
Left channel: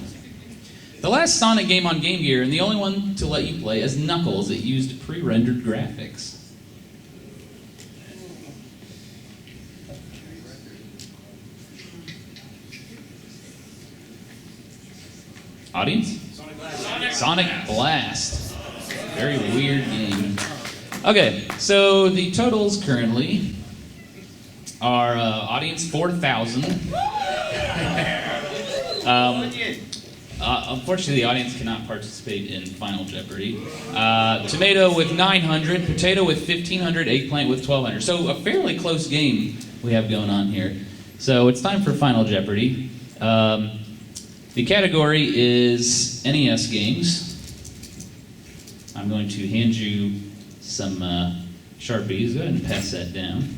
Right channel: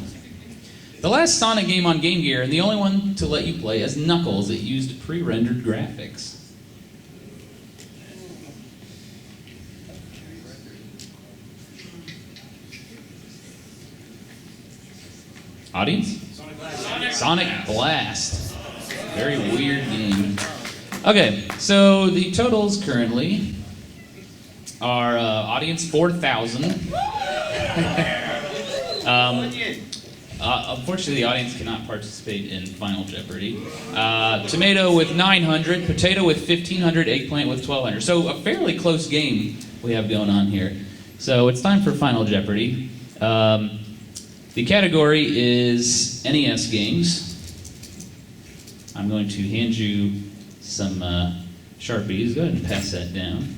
The last Sonic game on Game Gear, and the only one to let you play as Knuckles. It used pre-rendered graphics. Audience? Sonic Blast. Very weird game. Okay, so the totals currently are audience 4,000. Unfortunately, the audience cannot participate in Final Jeopardy. Tomato with 900, Potato with 1,500, Eggplant with 1,200. So a fairly close game we have going on here. So it's time for Final Jeopardy. The category is NES games. I'm going to hand you some Sharpies. Go ahead and pass that down.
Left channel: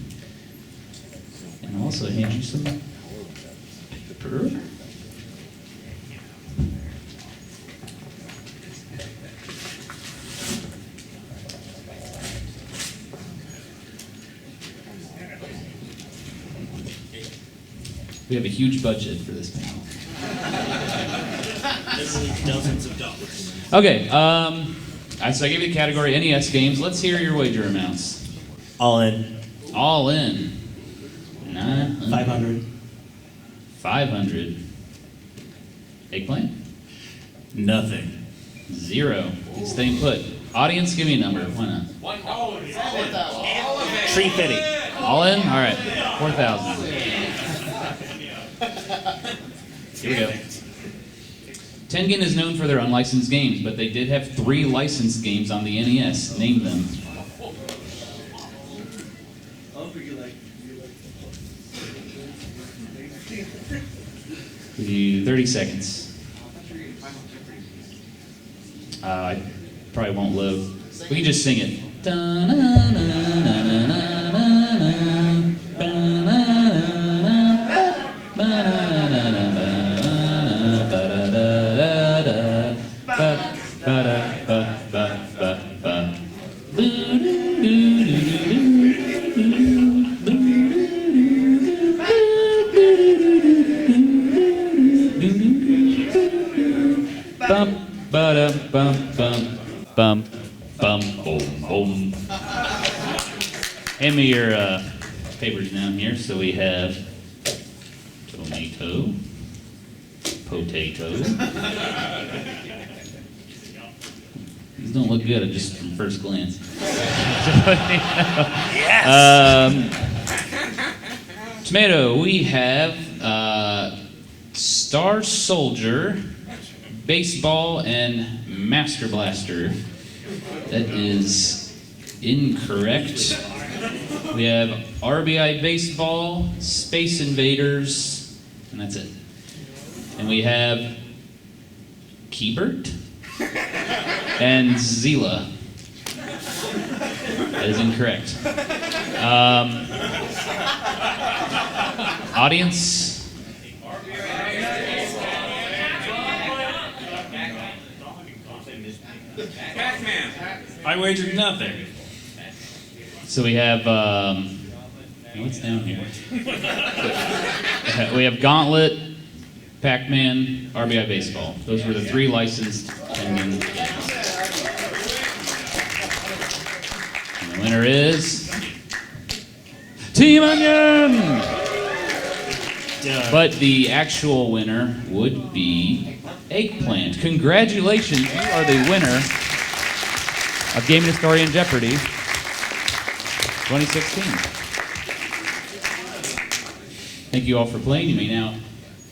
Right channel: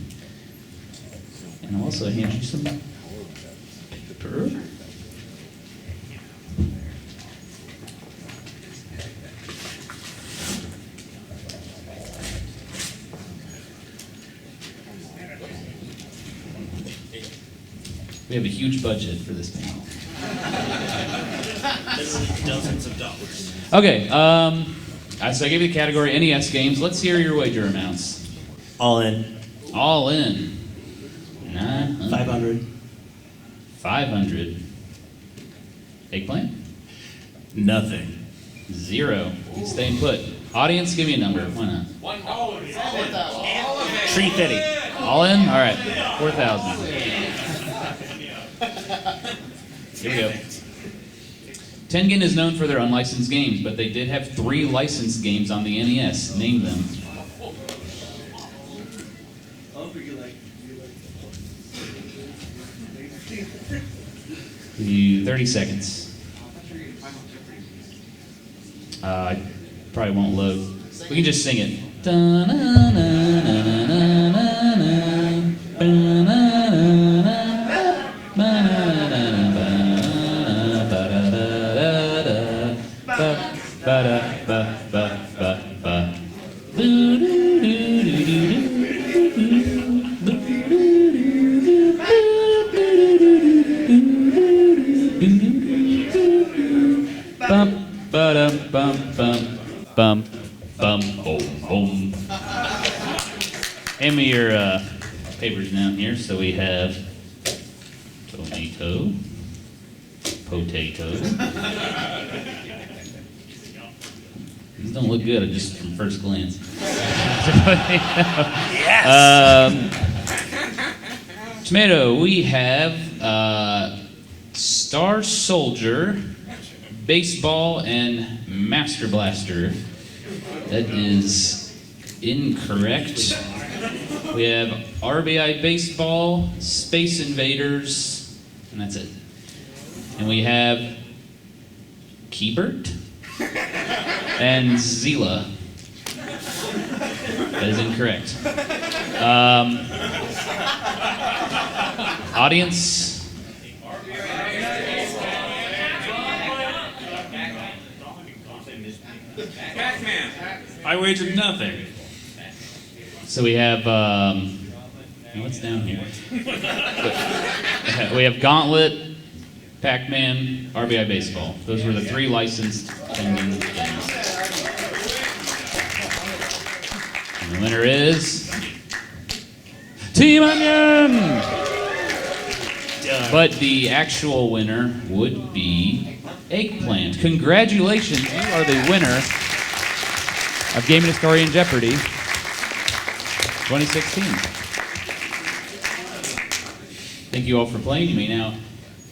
And I'll also hand you some paper. We have a huge budget for this panel. Literally dozens of dollars. Okay, so I gave you the category NES games. Let's hear your wager amounts. All in. All in. 500. 500. Eggplant? Nothing. 0. Staying put. Audience, give me a number. Why not? 350. All in? All right. 4,000. Here we go. Tengen is known for their unlicensed games, but they did have 3 licensed games on the NES. Name them. Give you 30 seconds. I probably won't load. We can just sing it. Boom. Hand me your papers down here. So we have tomato, potato. These don't look good just from first glance. Yes. Tomato, we have Star Soldier, Baseball, and Master Blaster. That is incorrect. We have RBI Baseball, Space Invaders, and that's it. And we have Keybert and Zila. That is incorrect. Audience? I wagered nothing. So we have, what's down here? We have Gauntlet, Pac-Man, RBI Baseball. Those were the 3 licensed Tengen games. And the winner is Team Onion! But the actual winner would be Eggplant. Congratulations, you are the winner of Game Historian Jeopardy 2016. Thank you all for playing. You may now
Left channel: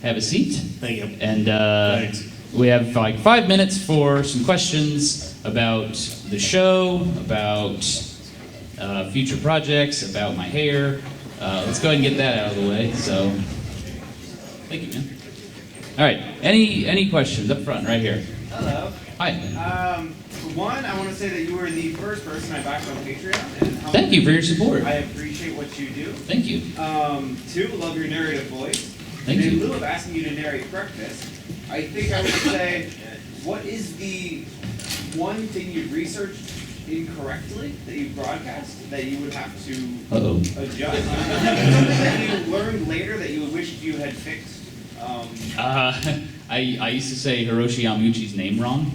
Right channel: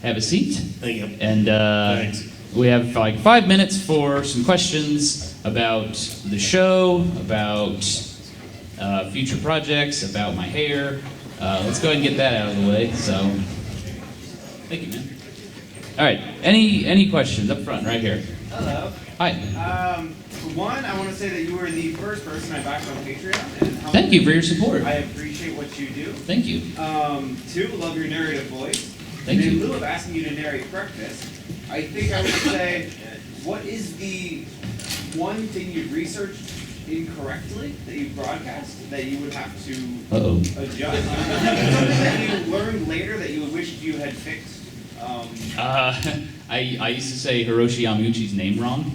have a seat. Thank you. And Thanks. we have like 5 minutes for some questions about the show, about future projects, about my hair. Let's go ahead and get that out of the way. So, thank you, man. All right. Any questions up front, right here? Hello. Hi. For one, I want to say that you were the first person I backed on Patreon. And Thank you for your support. I appreciate what you do. Thank you. 2, love your narrative voice. Thank and you. in lieu of asking you to narrate breakfast, I think I would say, what is the one thing you've researched incorrectly that you broadcast that you would have to adjust? Something that you learned later that you wished you had fixed I used to say Hiroshi Yamauchi's name wrong.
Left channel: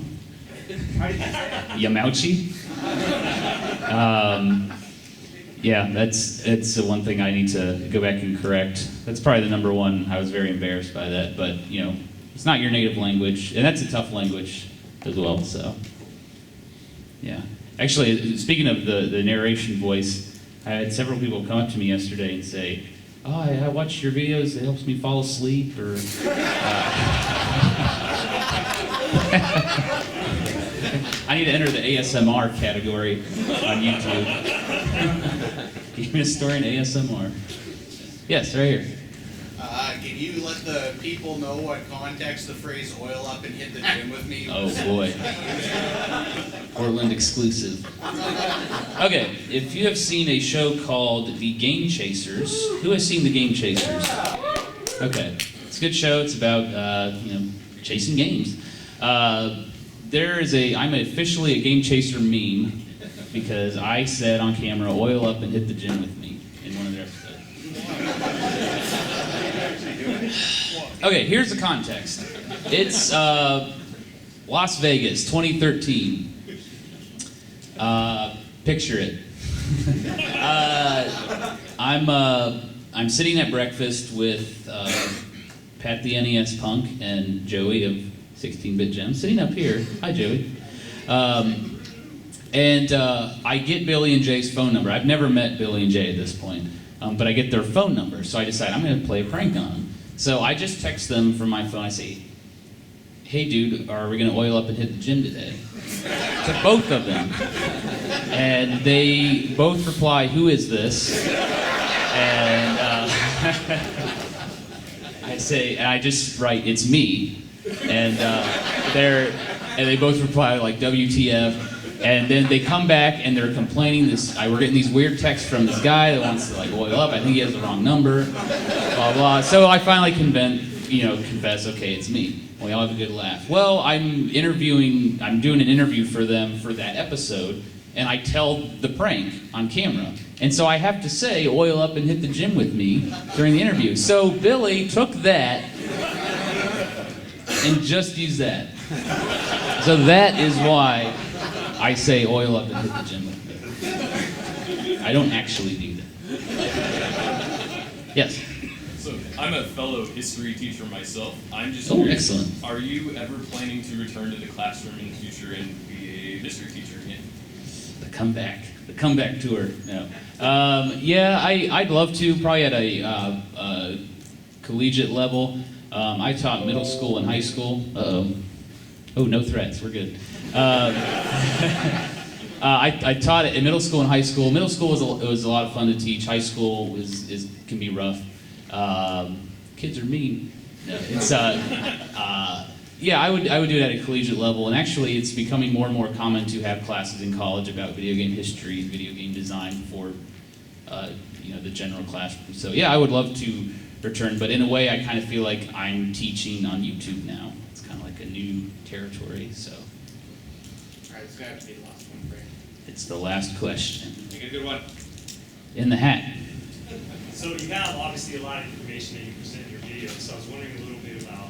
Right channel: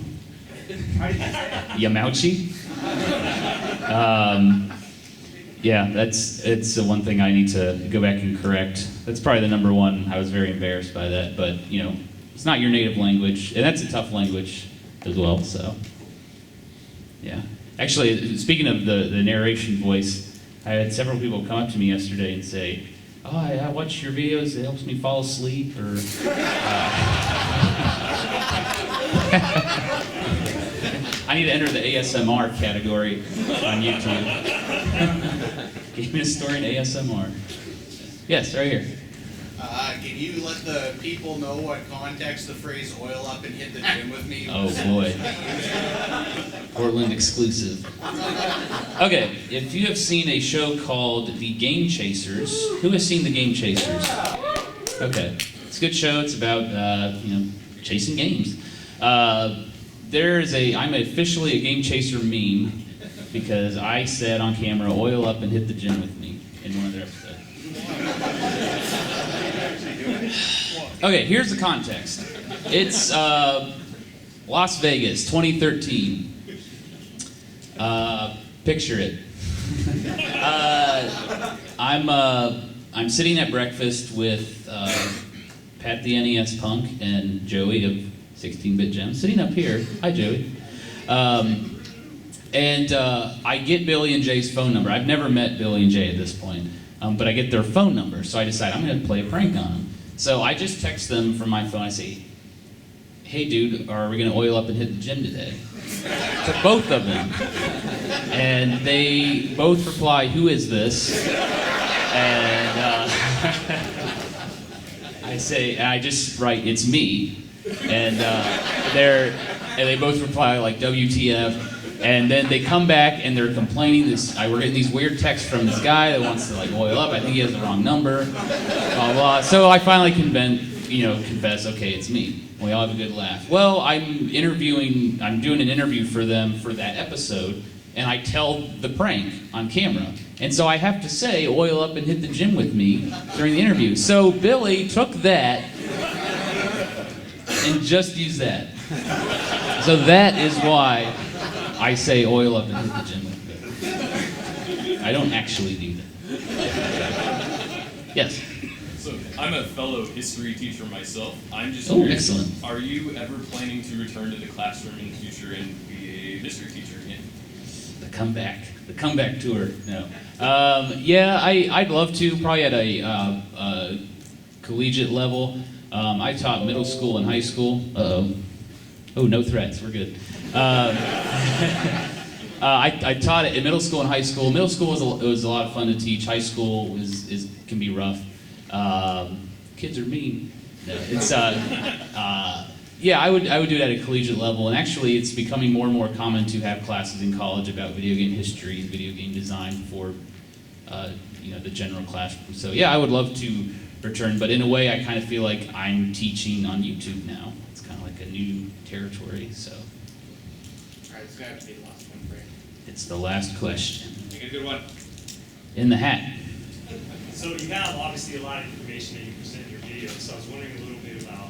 How did you say it? Yamauchi. Yeah, it's the one thing I need to go back and correct. That's probably the number one. I was very embarrassed by that, but you know, it's not your native language, and that's a tough language as well. So, yeah. Actually, speaking of the narration voice, I had several people come up to me yesterday and say, "Oh, I watch your videos. It helps me fall asleep." Or I need to enter the ASMR category on YouTube. Give me a story in ASMR. Yes, right here. Can you let the people know what context the phrase "oil up and hit the gym with me"? Oh boy. Portland exclusive. Okay, if you have seen a show called The Game Chasers, who has seen The Game Chasers? Okay, it's a good show. It's about chasing games. I'm officially a Game Chaser meme because I said on camera, "Oil up and hit the gym with me" in one of their episodes. Okay, here's the context. It's Las Vegas, 2013. Picture it. I'm sitting at breakfast with Pat the NES Punk and Joey of 16-Bit Gem, sitting up here. Hi, Joey. And I get Billy and Jay's phone number. I've never met Billy and Jay at this point, but I get their phone number, so I decide I'm going to play a prank on them. So I just text them from my phone. I say, "Hey, dude, are we going to oil up and hit the gym today?" To both of them. And they both reply, "Who is this?" And I just write, "It's me." And they both reply like, "WTF?" And then they come back and they're complaining. We're getting these weird texts from this guy that wants to like oil up. I think he has the wrong number. Blah blah. So I finally confess. Okay, it's me. We all have a good laugh. Well, I'm doing an interview for them for that episode, and I tell the prank on camera. And so I have to say, "Oil up and hit the gym with me" during the interview. So Billy took that and just used that. So that is why I say "oil up and hit the gym with me." I don't actually do that. Yes? So, I'm a fellow history teacher myself. I'm just curious, excellent. Are you ever planning to return to the classroom in the future and be a history teacher again? The comeback tour. No. I'd love to, probably at a collegiate level. I taught middle school and high school. Uh-oh. Oh, no threats, we're good. I taught it in middle school and high school. Middle school was a lot of fun to teach. High school can be rough. Kids are mean. No, it's I would do it at a collegiate level, and actually it's becoming more and more common to have classes in college about video game history, video game design for the general classroom. So yeah, I would love to return, but in a way I kind of feel like I'm teaching on YouTube now. It's kind of like a new territory. So. All right, this is gonna have to be the last one, Frank. It's the last question. Make it a good one. In the hat. So you have obviously a lot of information that you present in your video. So I was wondering a little bit about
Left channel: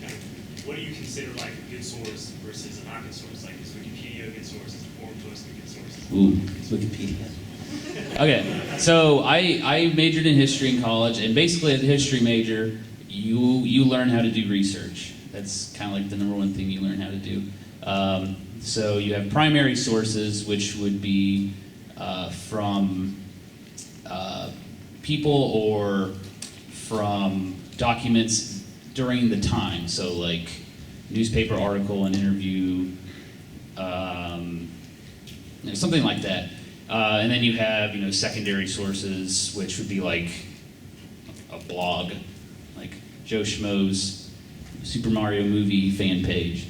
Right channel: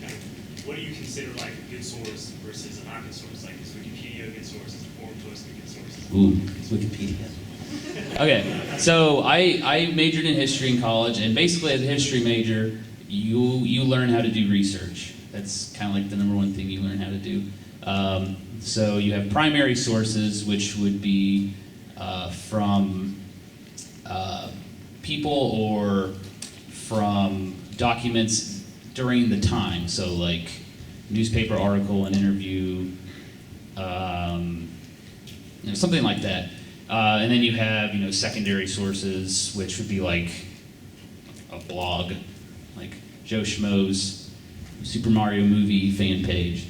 kind of what do you consider like a good source versus a not good source? Like is Wikipedia a good source? Is the forum post a good source? Ooh, it's Wikipedia. Okay, so I majored in history in college, and basically as a history major, you learn how to do research. That's kind of like the number one thing you learn how to do. So you have primary sources, which would be from people or from documents during the time. So like newspaper article, an interview, something like that. And then you have secondary sources, which would be like a blog, like Joe Schmo's Super Mario movie fan page.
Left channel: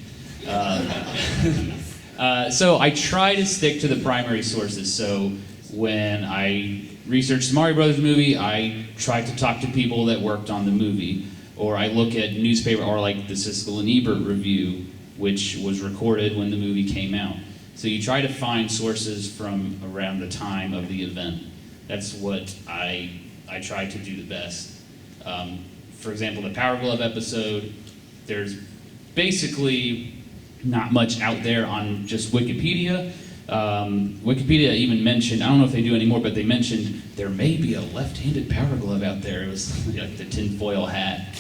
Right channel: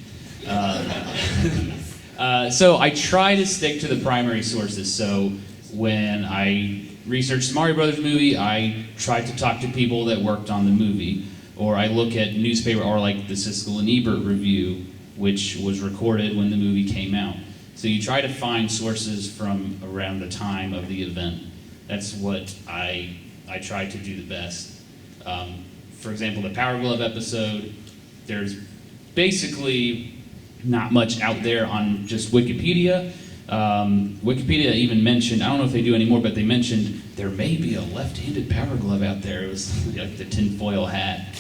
So I try to stick to the primary sources. So when I researched the Mario Brothers movie, I tried to talk to people that worked on the movie. Or I look at newspaper, or like the Siskel and Ebert review, which was recorded when the movie came out. So you try to find sources from around the time of the event. That's what I try to do the best. for example, the Power Glove episode, there's basically not much out there on just Wikipedia. Wikipedia even mentioned, I don't know if they do anymore, but they mentioned there may be a left-handed Power Glove out there. It was like the tinfoil hat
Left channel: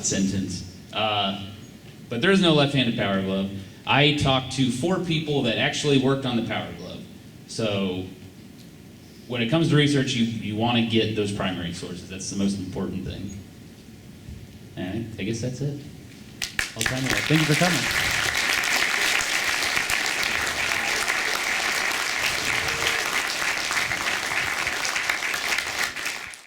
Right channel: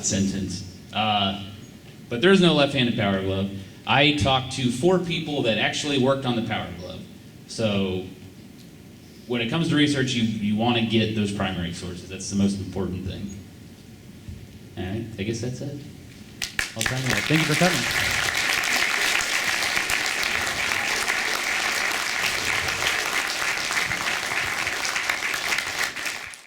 sentence. But there is no left-handed Power Glove. I talked to 4 people that actually worked on the Power Glove. So when it comes to research, you want to get those primary sources. That's the most important thing. And I guess that's it. Thank you for coming.